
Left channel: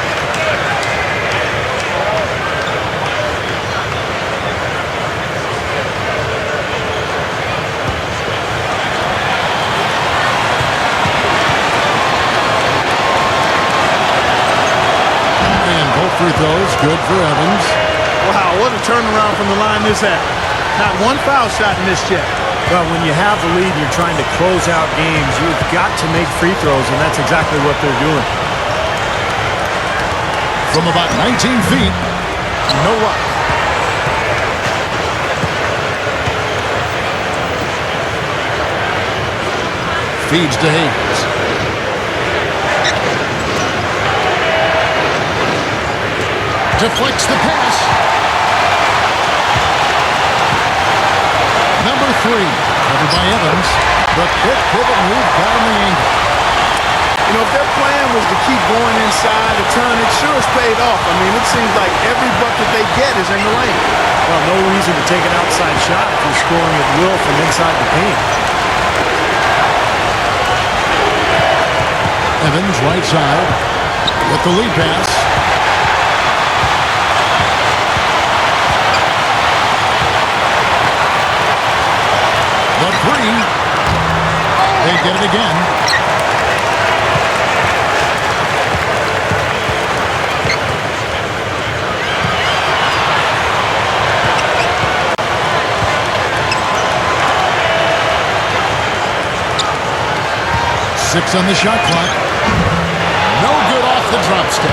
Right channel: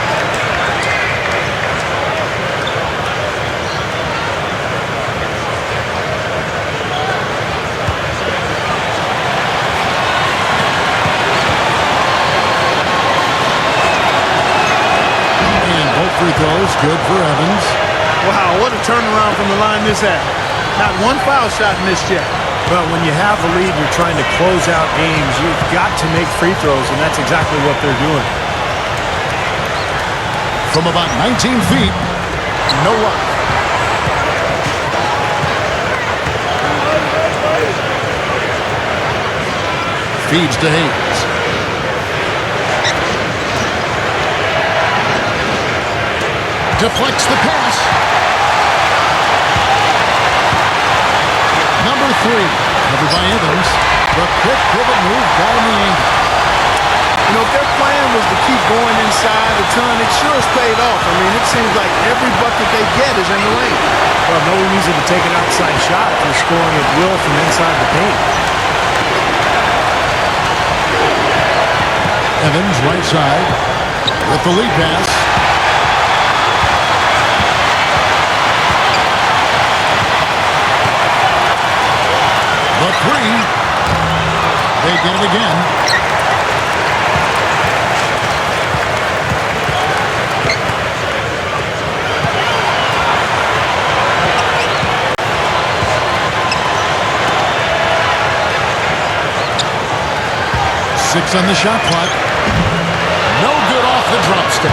And both free throws good for Evans. Wow, what a turnaround from the line this half. Not one foul shot missed yet. Well, when you have the lead and you're trying to close out games, you've got to make free throws, and that's exactly what they're doing. From about 19 feet, no luck. Feeds to Hayes. Deflects the pass. Number 3, covered by Evans. The quick pivot move got him the angle. You know, if their plan was to keep going inside a ton, it sure has paid off. I mean, it seems like every bucket they get is in the lane. Well, no reason to take an outside shot if you're scoring at will from inside the paint. Evans, right side, with the lead pass. The 3. They get it again. Six on the shot clock. No good off the drop step.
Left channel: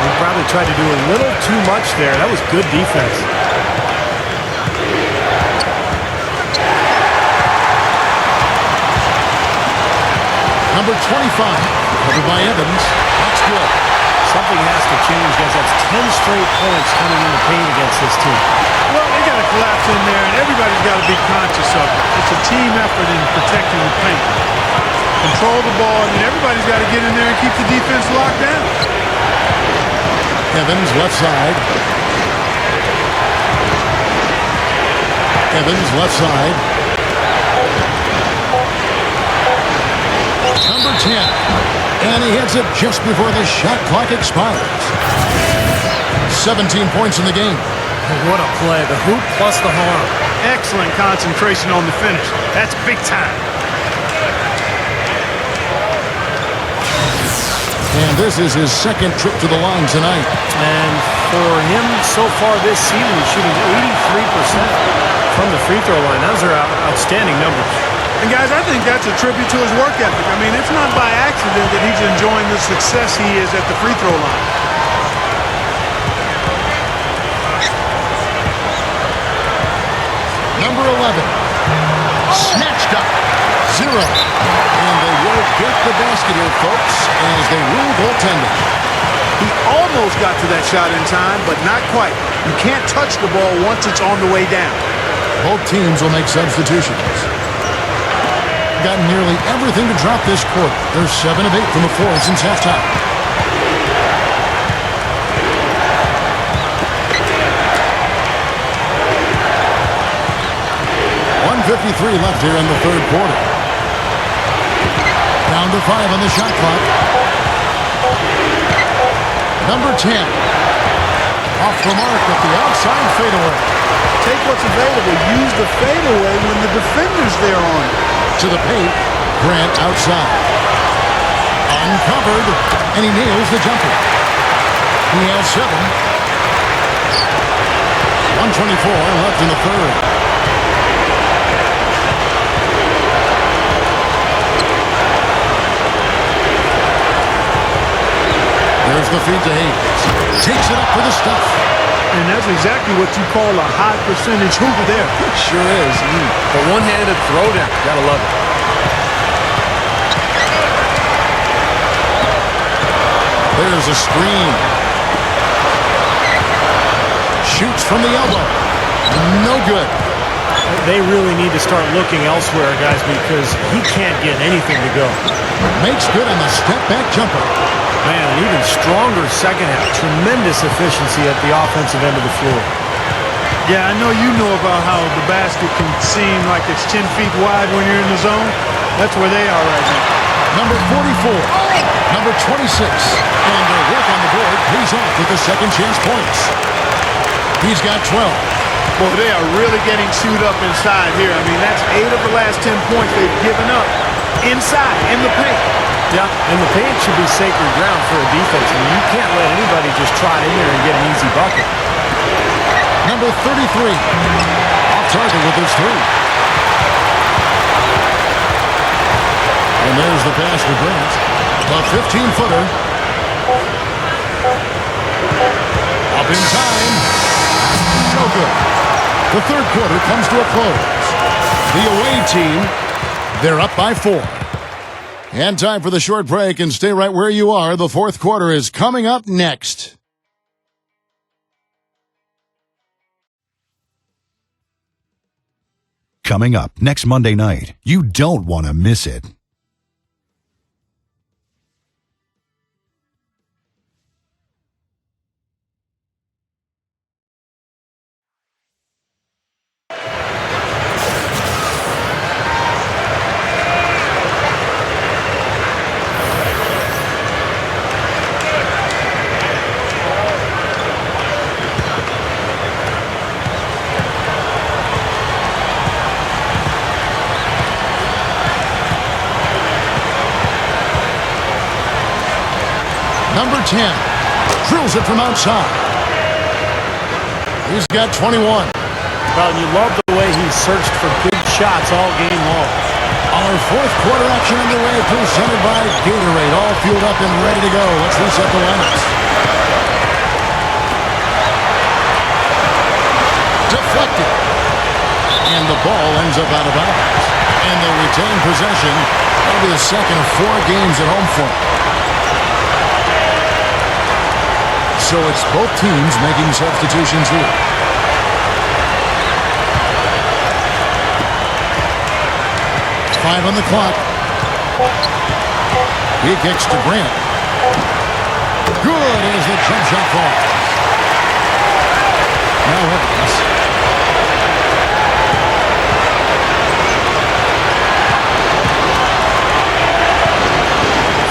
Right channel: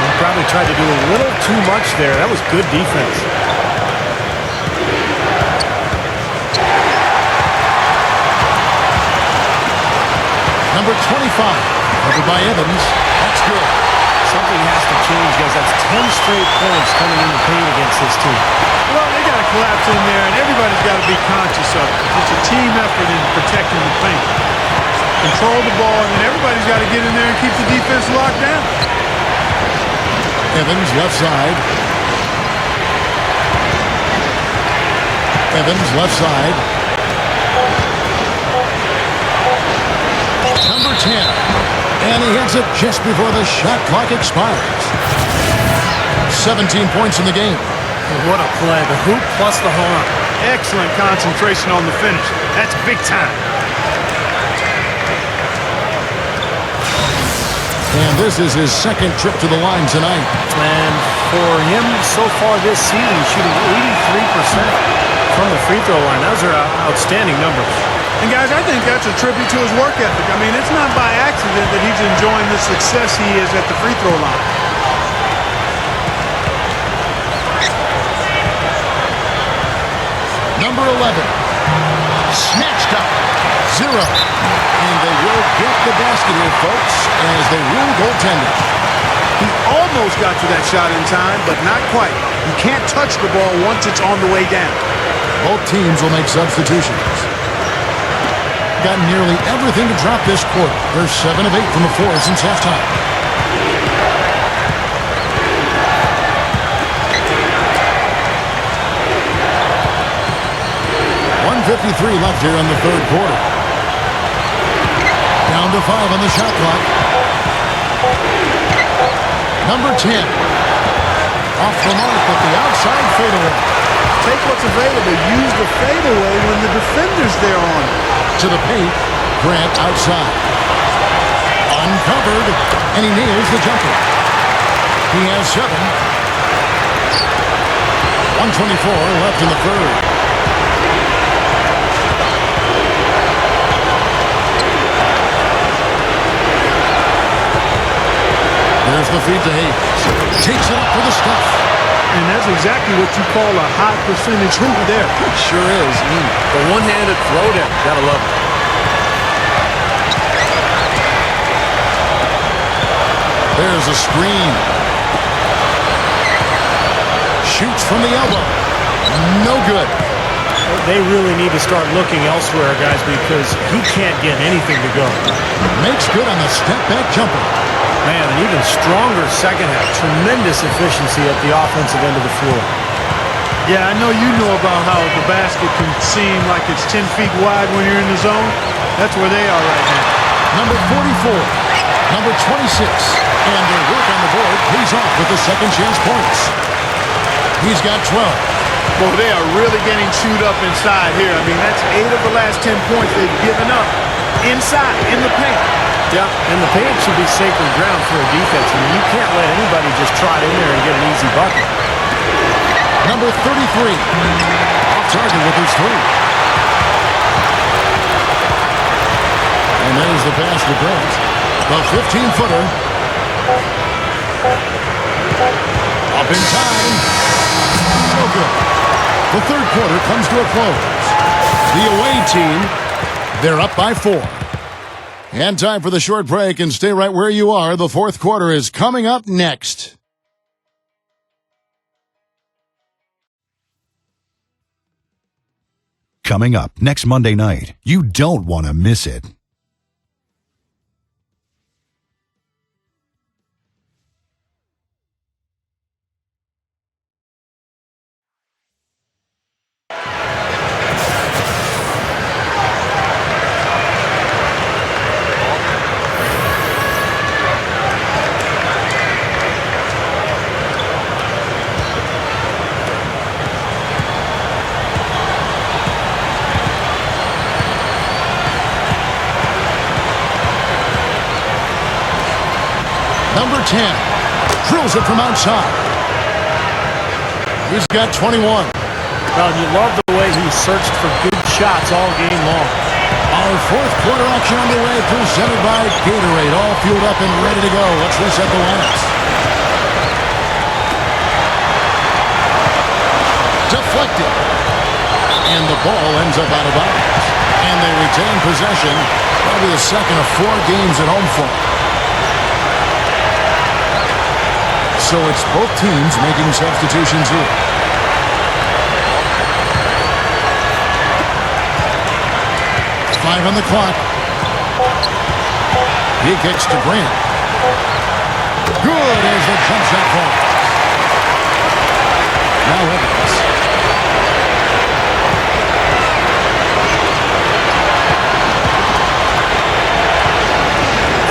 He probably tried to do a little too much there. That was good defense. Number 25, covered by Evans. That's good. Something has to change, guys. That's 10 straight points coming in the paint against this team. Well, they got to collapse in there, and everybody's got to be conscious of it. It's a team effort in protecting the paint. Control the ball, and then everybody's got to get in there and keep the defense locked down. Evans, left side. Evans, left side. Number 10. And he hits it just before the shot clock expires. 17 points in the game. What a play. The hoop plus the harm. Excellent concentration on the finish. That's big time. And this is his second trip to the line tonight. And for him, so far this season, he's shooting 83% from the free throw line. Those are outstanding numbers. And guys, I think that's a tribute to his work ethic. I mean, it's not by accident that he's enjoying the success he is at the free throw line. Number 11. Snatched up. 0. And they will get the basket here, folks, as they rule goaltending. He almost got to that shot in time, but not quite. You can't touch the ball once it's on the way down. Both teams will make substitutions. Got nearly everything to drop this quarter. They're 7 of 8 from the floor since halftime. .153 left here in the third quarter. Down to 5 on the shot clock. Number 10. Off the mark with the outside fadeaway. Take what's available. Use the fadeaway when the defender's there on it. To the paint. Grant outside. Uncovered. And he nails the jumper. He has 7. 124 left in the third. There's the feed to Hayes. Takes it up for the stuff. And that's exactly what you call a high percentage hoop there. Sure is. The one-handed throwdown. Gotta love it. There's a screen. Shoots from the elbow. No good. They really need to start looking elsewhere, guys, because he can't get anything to go. Makes good on the step-back jumper. Man, an even stronger second half. Tremendous efficiency at the offensive end of the floor. Yeah, I know you know about how the basket can seem like it's 10 feet wide when you're in the zone. That's where they are right now. Number 44. Number 26. And their work on the board pays off with the second chance points. He's got 12. Boy, they are really getting chewed up inside here. I mean, that's 8 of the last 10 points they've given up inside, in the paint. Yeah, and the paint should be sacred ground for a defense. I mean, you can't let anybody just trot in there and get an easy bucket. Number 33. Off target with his 3. And there's the pass to Grant. The 15-footer. Up in time. No good. The third quarter comes to a close. The away team, they're up by 4. And time for the short break, and stay right where you are. The fourth quarter is coming up next. Coming up next Monday night, you don't want to miss it. Number 10 drills it from outside. He's got 21. Well, and you love the way he searched for good shots all game long. Our fourth quarter action underway, presented by Gatorade. All fueled up and ready to go. Let's reset the lineups. Deflected. And the ball ends up out of bounds. And they retain possession. That'll be the second of 4 games at home for them. So it's both teams making substitutions here. Five on the clock. He kicks to Grant. Good as the jump shot falls. Now Evans.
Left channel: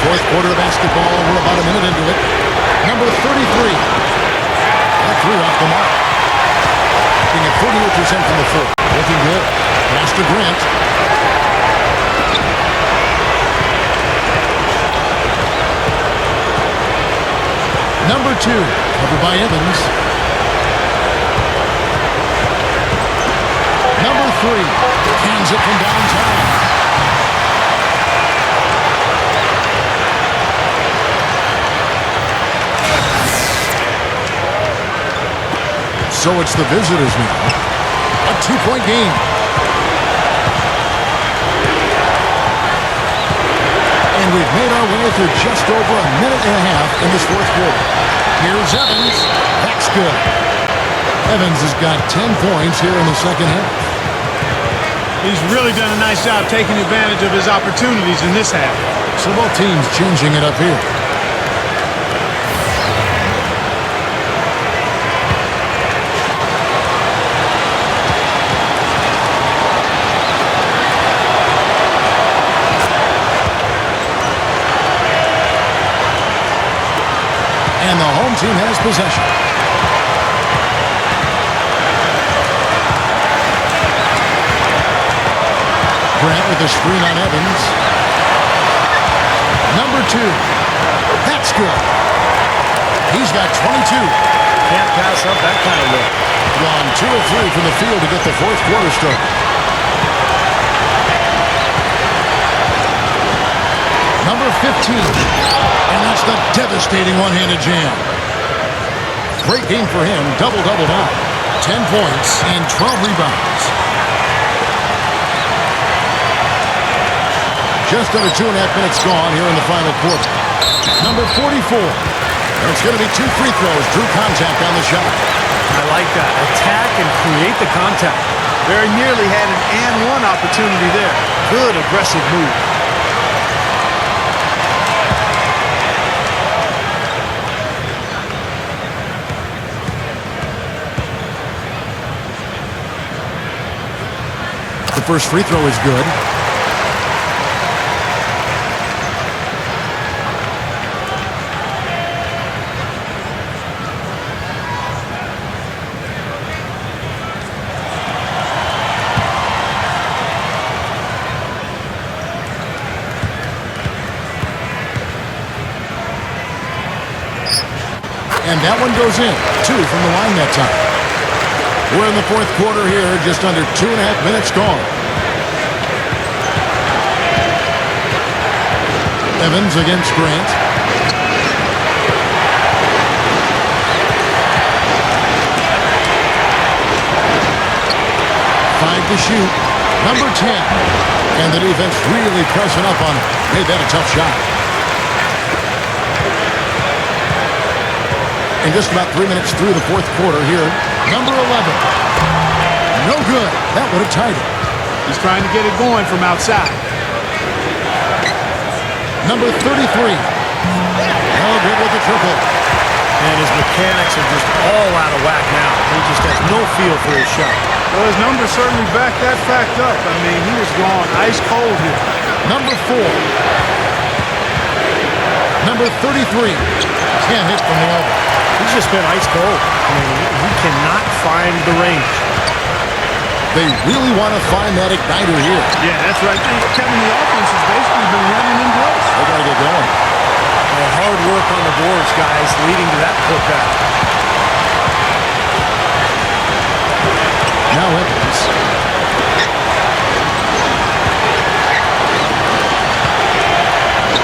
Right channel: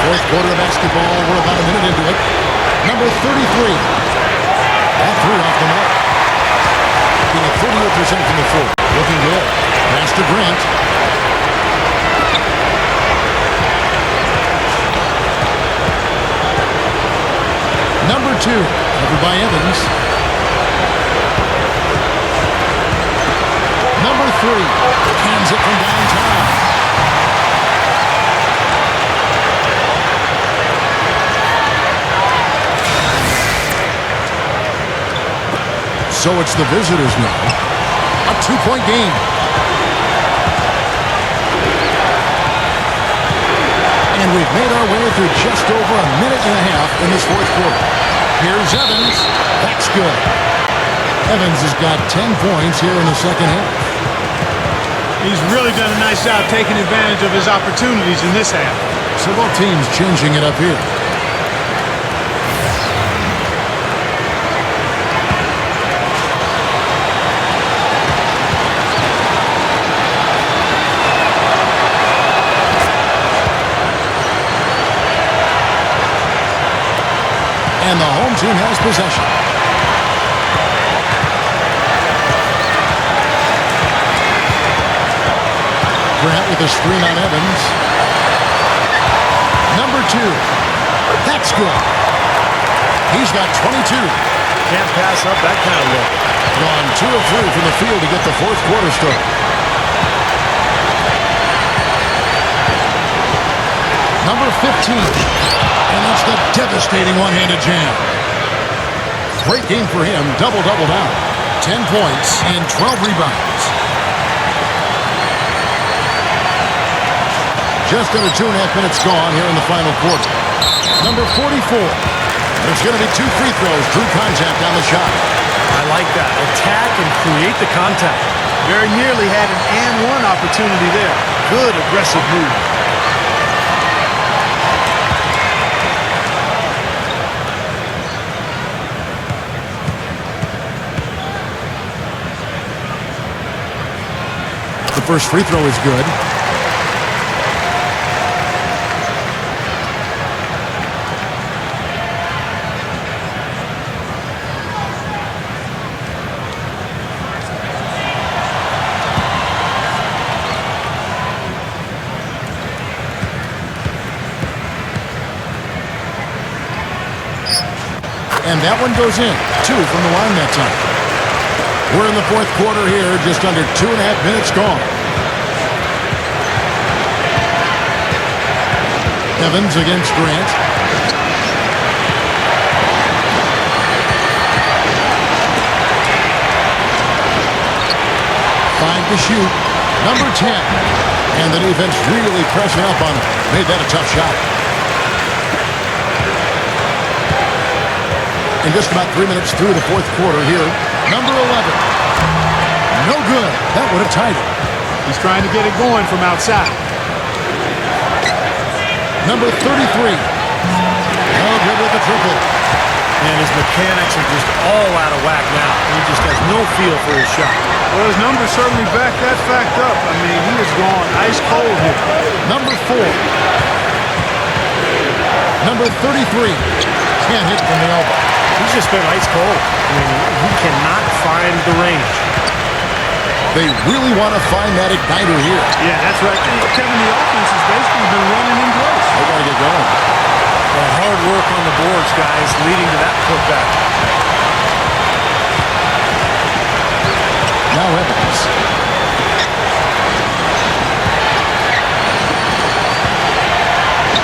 Fourth quarter of basketball. We're about a minute into it. Number 33. That three off the mark. Being at 48% from the floor. Looking good. Pass to Grant. Number 2. Covered by Evans. Number 3. Cans it from downtown. So it's the visitors now. A 2-point game. And we've made our way through just over a minute and a half in this fourth quarter. Here's Evans. That's good. Evans has got 10 points here in the second half. He's really done a nice job taking advantage of his opportunities in this half. So both teams changing it up here. And the home team has possession. Grant with a screen on Evans. Number 2. That's good. He's got 22. Can't pass up that kind of look. Gone 2 of 3 from the field to get the fourth quarter started. Number 15. And that's the devastating one-handed jam. Great game for him. Double-double down. 10 points and 12 rebounds. Just under 2.5 minutes gone here in the final quarter. Number 44. And it's going to be 2 free throws. Drew contact on the shot. I like that. Attack and create the contact. Very nearly had an and one opportunity there. Good aggressive move. The first free throw is good. And that one goes in. 2 from the line that time. We're in the fourth quarter here. Just under 2.5 minutes gone. Evans against Grant. Five to shoot. Number 10. And the defense really pressing up on him. Made that a tough shot. And just about 3 minutes through the fourth quarter here. Number 11. No good. That would have tied it. He's trying to get it going from outside. Number 33. No good with the triple. And his mechanics are just all out of whack now. He just has no feel for his shot. Well, his numbers certainly back that fact up. I mean, he has gone ice cold here. Number 4. Number 33. Can't hit from the elbow. He's just been ice cold. I mean, he cannot find the range. They really want to find that igniter here. Yeah, that's right. Kevin, the offense has basically been running in place. They got to get going. And hard work on the boards, guys, leading to that putback. Now Evans.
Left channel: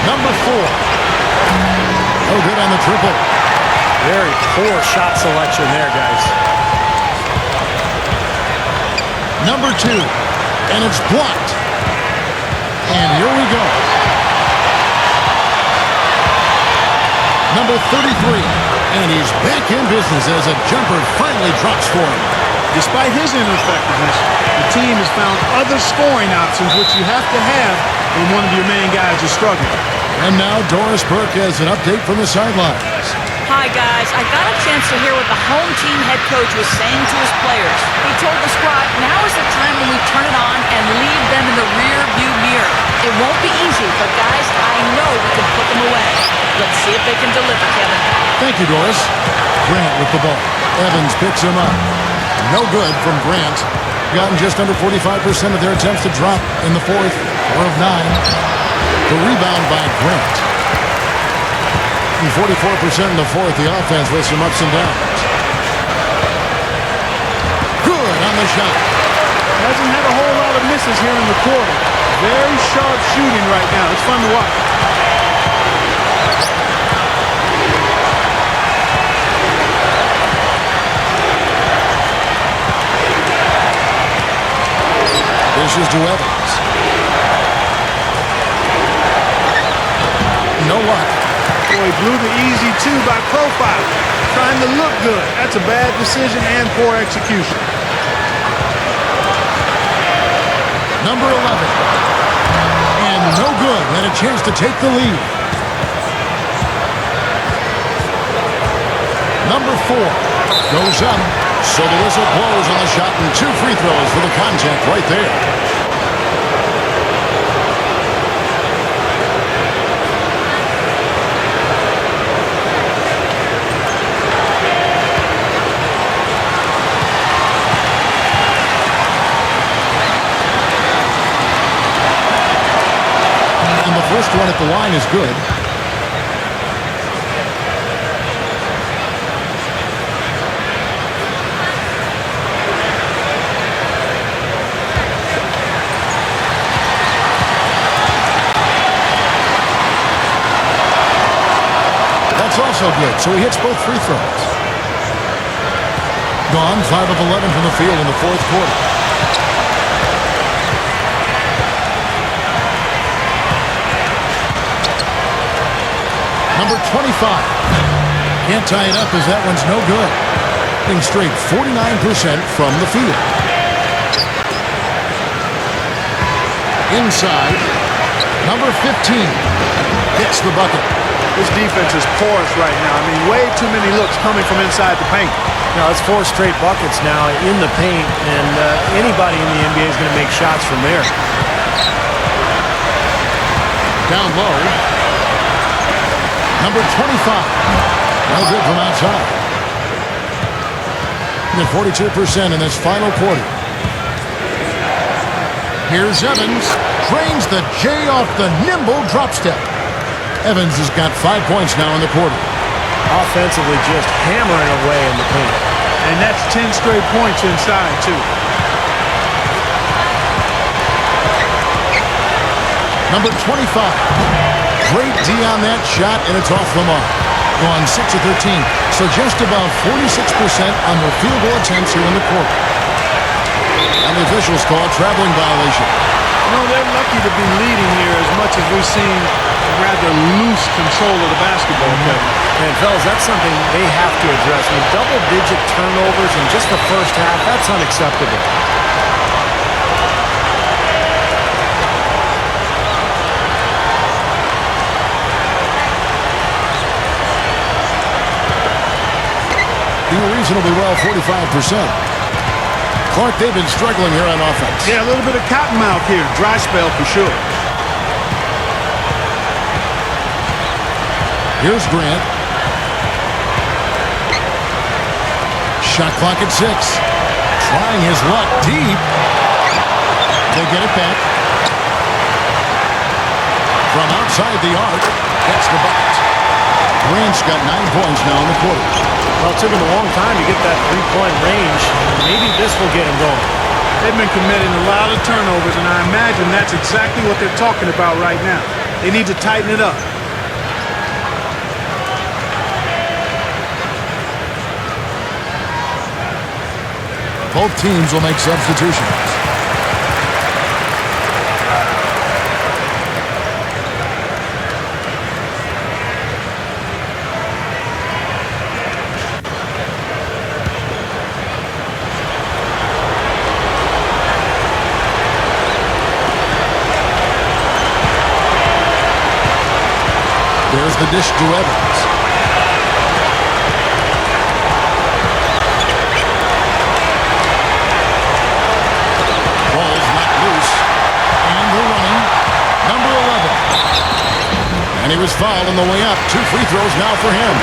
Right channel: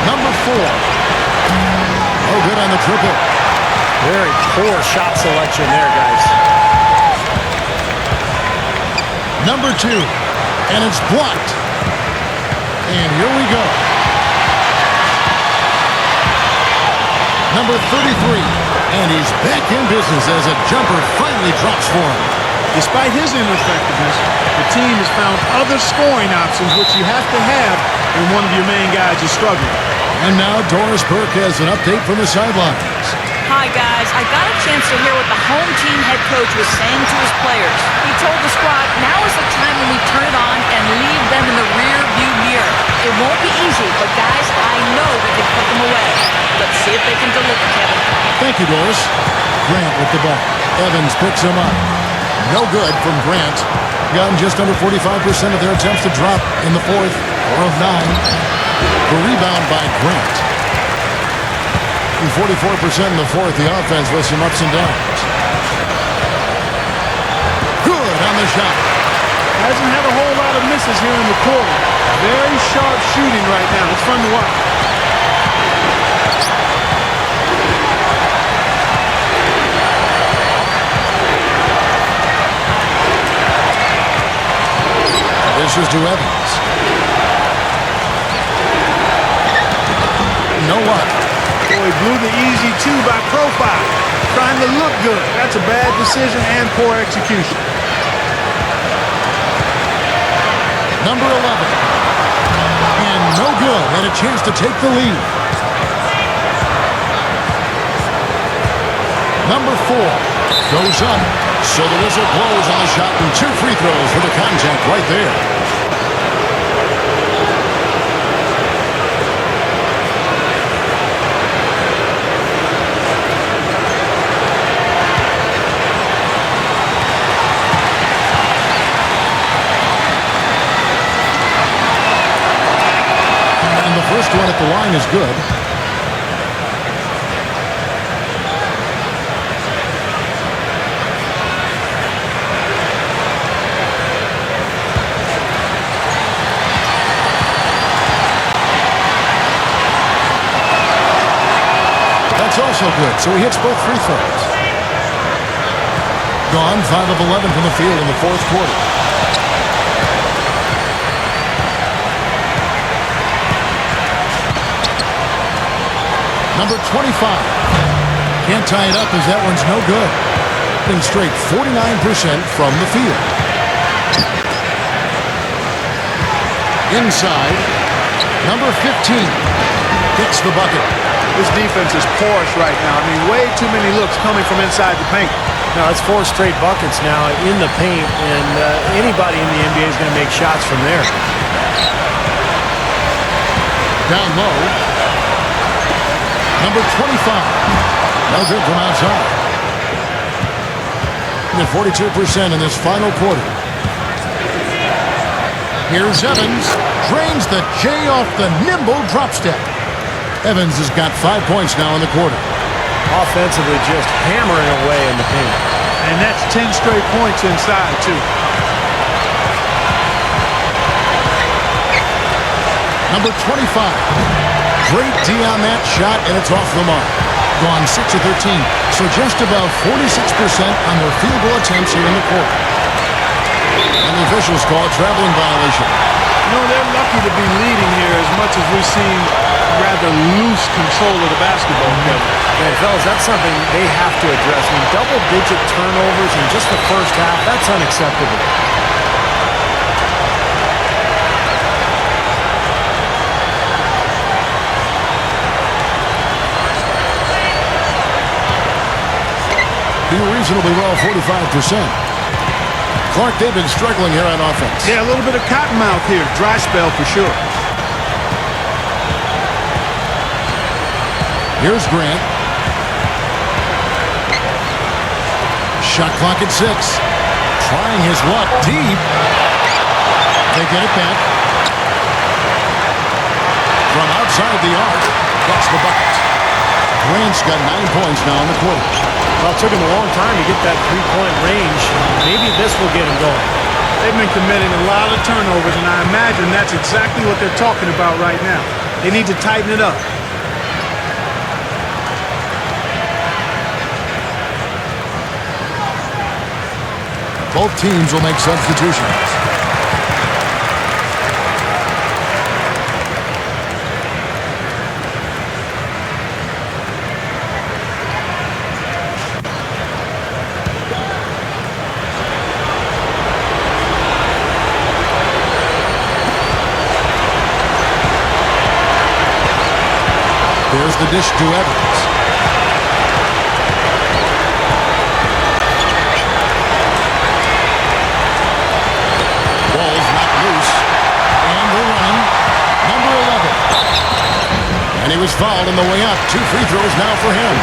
Number 4. No good on the triple. Very poor shot selection there, guys. Number 2. And it's blocked. And here we go. Number 33. And he's back in business as a jumper finally drops for him. Despite his ineffectiveness, the team has found other scoring options, which you have to have when one of your main guys is struggling. And now Doris Burke has an update from the sidelines. Hi, guys. I got a chance to hear what the home team head coach was saying to his players. He told the squad, now is the time when we turn it on and leave them in the rear-view mirror. It won't be easy, but guys, I know we can put them away. Let's see if they can deliver, Kevin. Thank you, Doris. Grant with the ball. Evans picks him up. No good from Grant. Gotten just under 45% of their attempts to drop in the fourth. 4 of 9. The rebound by Grant. And 44% in the fourth. The offense with some ups and downs. Good on the shot. Hasn't had a whole lot of misses here in the quarter. Very sharp shooting right now. It's fun to watch. This is to Evans. No luck. Boy, he blew the easy two by profile. Trying to look good. That's a bad decision and poor execution. Number 11. And no good. Had a chance to take the lead. Number 4 goes up. So the whistle blows on the shot and 2 free throws for the contact right there. And the first one at the line is good. That's also good, so he hits both free throws. Gone 5 of 11 from the field in the fourth quarter. Number 25. Can't tie it up as that one's no good. Hitting straight 49% from the field. Inside. Number 15 gets the bucket. This defense is porous right now. I mean, way too many looks coming from inside the paint. Now, that's 4 straight buckets now in the paint, and anybody in the NBA is going to make shots from there. Down low. Number 25. No good from outside. At 42% in this final quarter. Here's Evans. Drains the J off the nimble drop step. Evans has got 5 points now in the quarter. Offensively just hammering away in the paint. And that's 10 straight points inside, too. Number 25. Great D on that shot, and it's off the mark. Gone 6 of 13, so just above 46% on their field goal attempts here in the quarter. And the officials call a traveling violation. You know, they're lucky to be leading here as much as we've seen rather loose control of the basketball, Kevin. Man, fellas, that's something they have to address. I mean, double-digit turnovers in just the first half, that's unacceptable. Doing reasonably well, 45%. Clark, they've been struggling here on offense. Yeah, a little bit of cottonmouth here. Dry spell for sure. Here's Grant. Shot clock at 6. Trying his luck deep. They get it back. From outside the arc, gets the bucket. Grant's got 9 points now in the quarter. Well, it took him a long time to get that three-point range. Maybe this will get him going. They've been committing a lot of turnovers, and I imagine that's exactly what they're talking about right now. They need to tighten it up. Both teams will make substitutions. There's the dish to Evans. Ball's knocked loose. And they're running. Number 11. And he was fouled on the way up. 2 free throws now for him.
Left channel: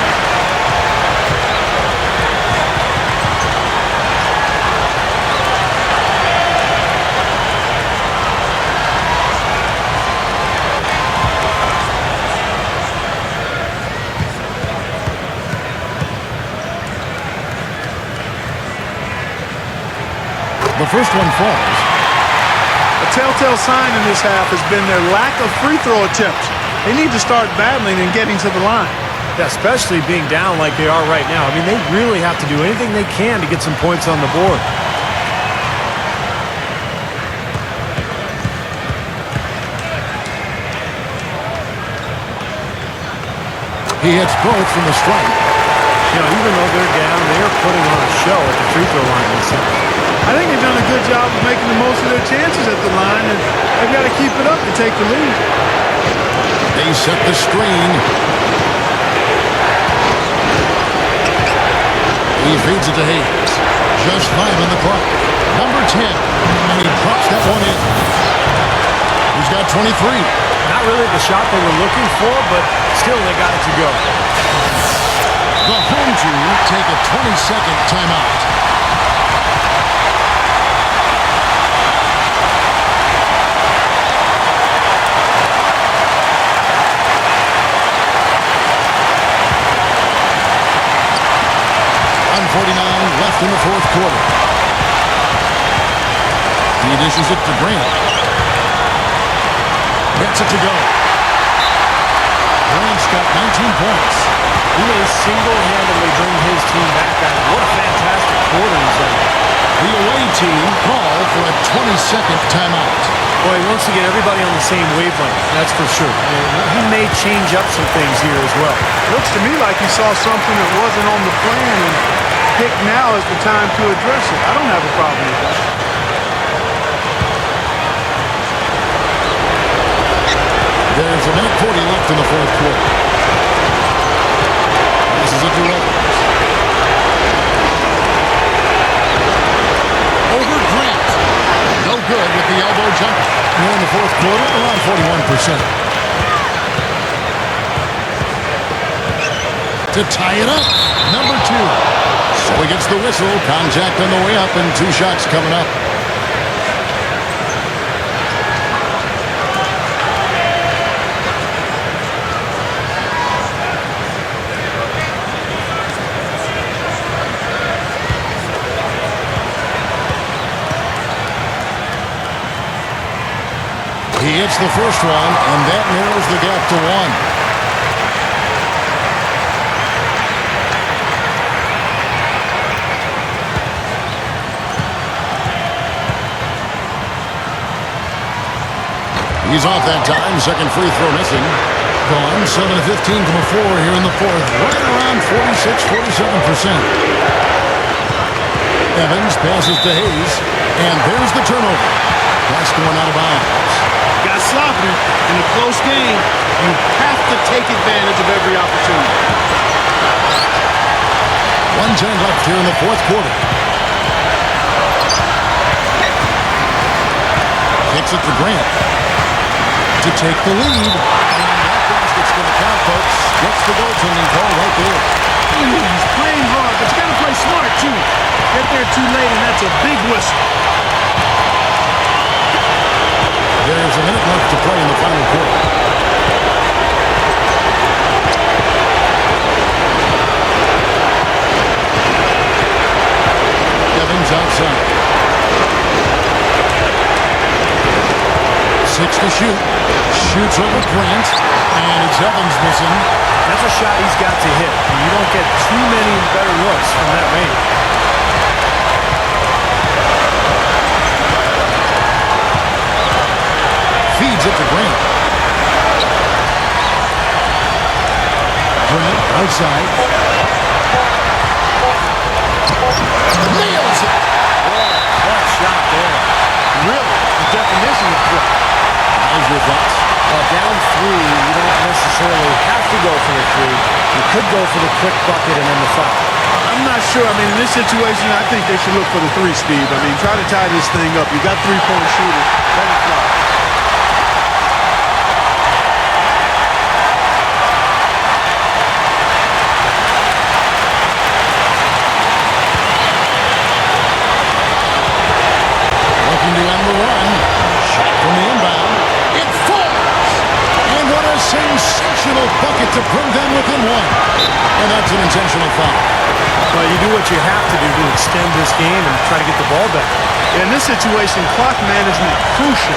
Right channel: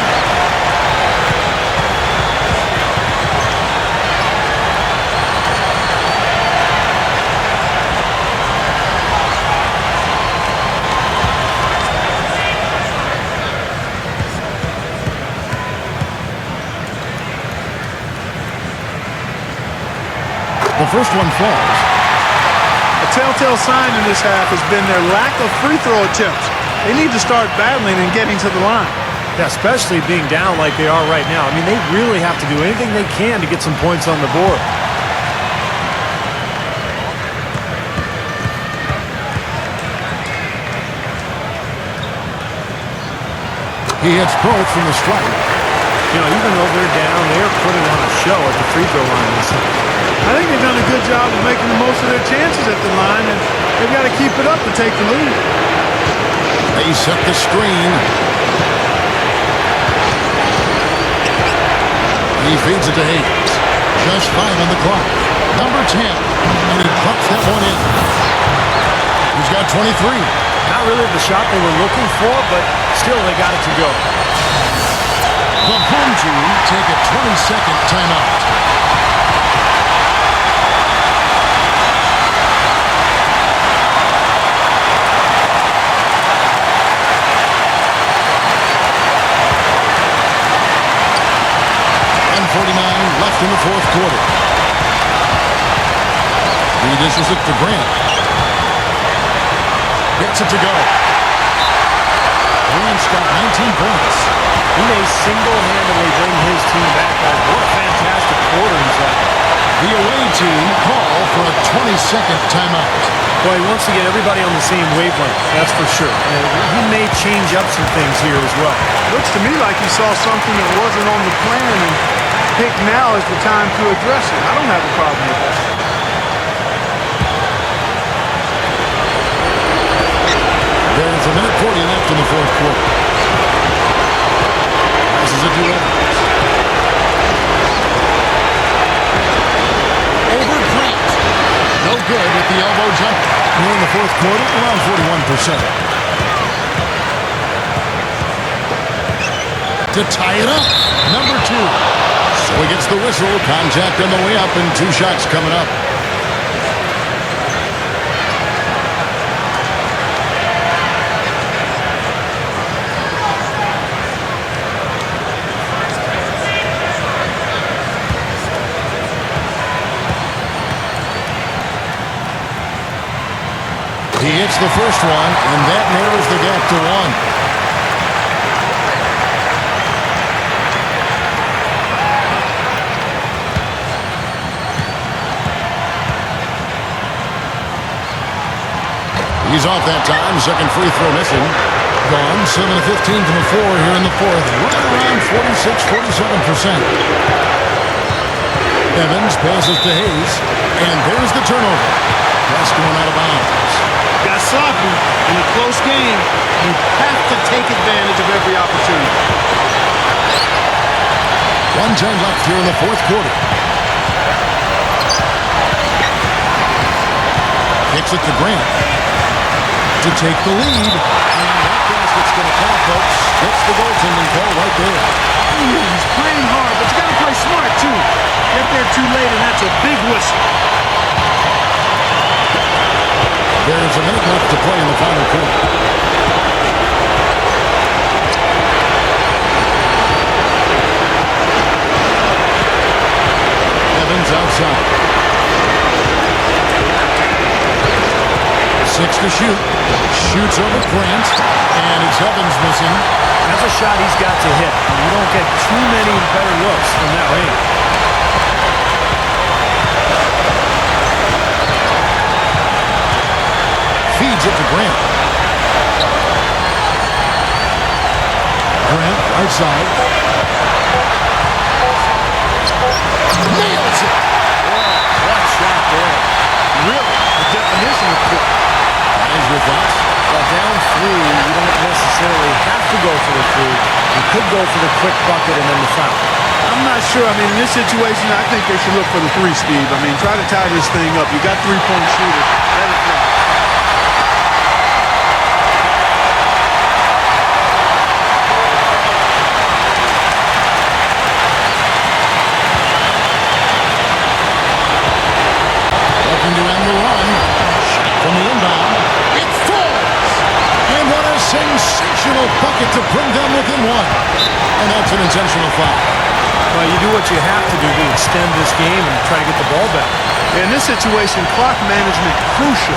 The first one falls. A telltale sign in this half has been their lack of free throw attempts. They need to start battling and getting to the line. Yeah, especially being down like they are right now. I mean, they really have to do anything they can to get some points on the board. He hits both from the stripe. You know, even though they're down, they're putting on a show at the free throw line this time. I think they've done a good job of making the most of their chances at the line, and they've got to keep it up to take the lead. They set the screen. He feeds it to Hayes. Just 5 on the clock. Number 10. And he drops that one in. He's got 23. Not really the shot they were looking for, but still they got it to go. The home team take a 20-second timeout. .149 left in the fourth quarter. He dishes it to Grant. Gets it to go. Grant's got 19 points. He may single-handedly bring his team back, guys. What a fantastic quarter he's having. The away team call for a 20-second timeout. Boy, he wants to get everybody on the same wavelength, that's for sure. And he may change up some things here as well. Looks to me like he saw something that wasn't on the plan and picked now is the time to address it. I don't have a problem with that. There's a minute 40 left in the fourth quarter. This is it to Evans. Over Grant. No good with the elbow jumper. Here in the fourth quarter, around 41%. To tie it up, number 2. So he gets the whistle. Contact on the way up and 2 shots coming up. He hits the first one, and that narrows the gap to 1. He's off that time. Second free throw missing. Gone. 7 of 15 from the floor here in the fourth. Right around 46-47%. Evans passes to Hayes. And there's the turnover. Pass going out of bounds. Got sloppy in a close game. You have to take advantage of every opportunity. 1:10 left here in the fourth quarter. Kicks it to Grant to take the lead. And that basket's going to count, folks. Gets the goaltending call right there. Ooh, he's playing hard, but you got to play smart, too. Get there too late, and that's a big whistle. There's a minute left to play in the final quarter. Evans outside. 6 to shoot. Shoots over Grant. And it's Evans missing. That's a shot he's got to hit. You don't get too many better looks from that range. Feeds it to Grant. Grant, right side. Nails it! What a clutch shot there. Really, the definition of clutch. Guys, your thoughts? Well, down 3, you don't necessarily have to go for the 3. You could go for the quick bucket and then the foul. I'm not sure. I mean, in this situation, I think they should look for the three, Steve. I mean, try to tie this thing up. You got three-point shooters. Let it fly. Looking to end the run. Shot from the inbound. It falls! And what a sensational bucket to bring them within one. And that's an intentional foul. Well, you do what you have to do to extend this game and try to get the ball back. Yeah, in this situation, clock management crucial.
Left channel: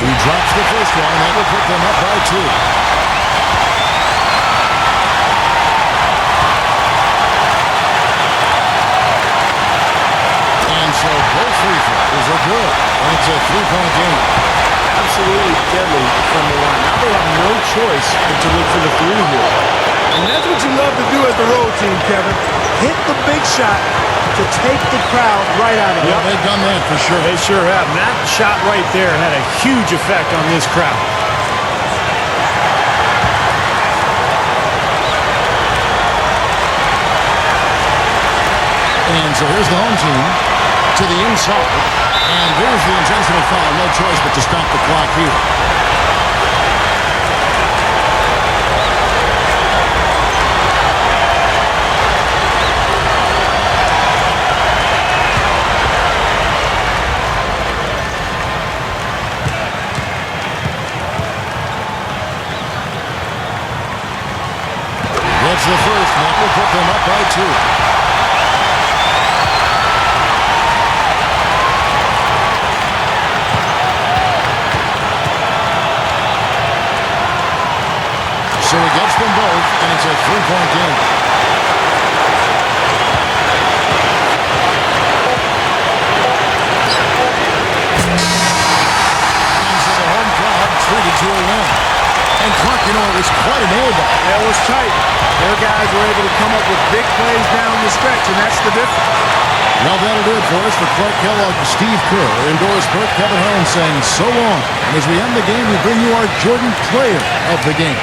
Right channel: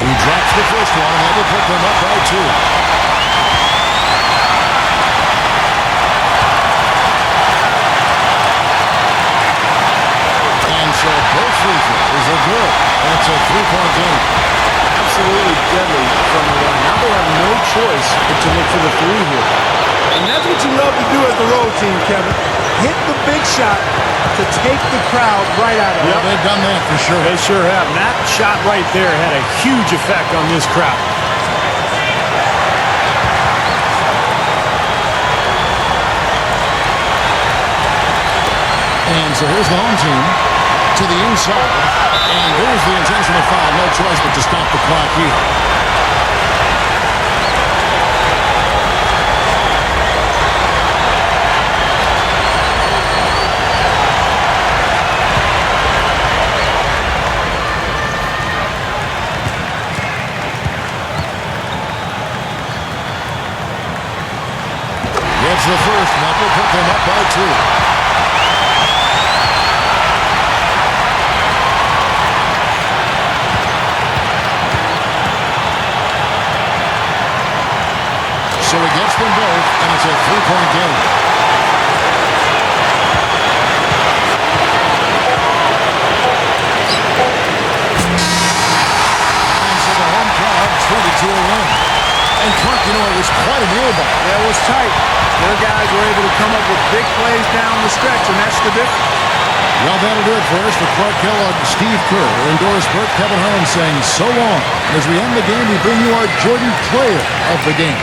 He drops the first one, and that will put them up by 2. And so both free throws are good. And it's a three-point game. Absolutely deadly from the line. Now they have no choice but to look for the three here. And that's what you love to do as the road team, Kevin. Hit the big shot to take the crowd right out of it. Well, they've done that for sure. They sure have. And that shot right there had a huge effect on this crowd. And so here's the home team to the inside. And there's the intentional foul. No choice but to stop the clock here. Gets the first, and that will put them up by 2. So he gets them both, and it's a three-point game. And so the home crowd treated to a win. And Clark, you know, it was quite a nail-biter. Yeah, it was tight. Their guys were able to come up with big plays down the stretch, and that's the difference. Well, that'll do it for us. For Clark Kellogg and Steve Kerr, Doris Burke, Kevin Harlan saying so long. And as we end the game, we bring you our Jordan Player of the Game.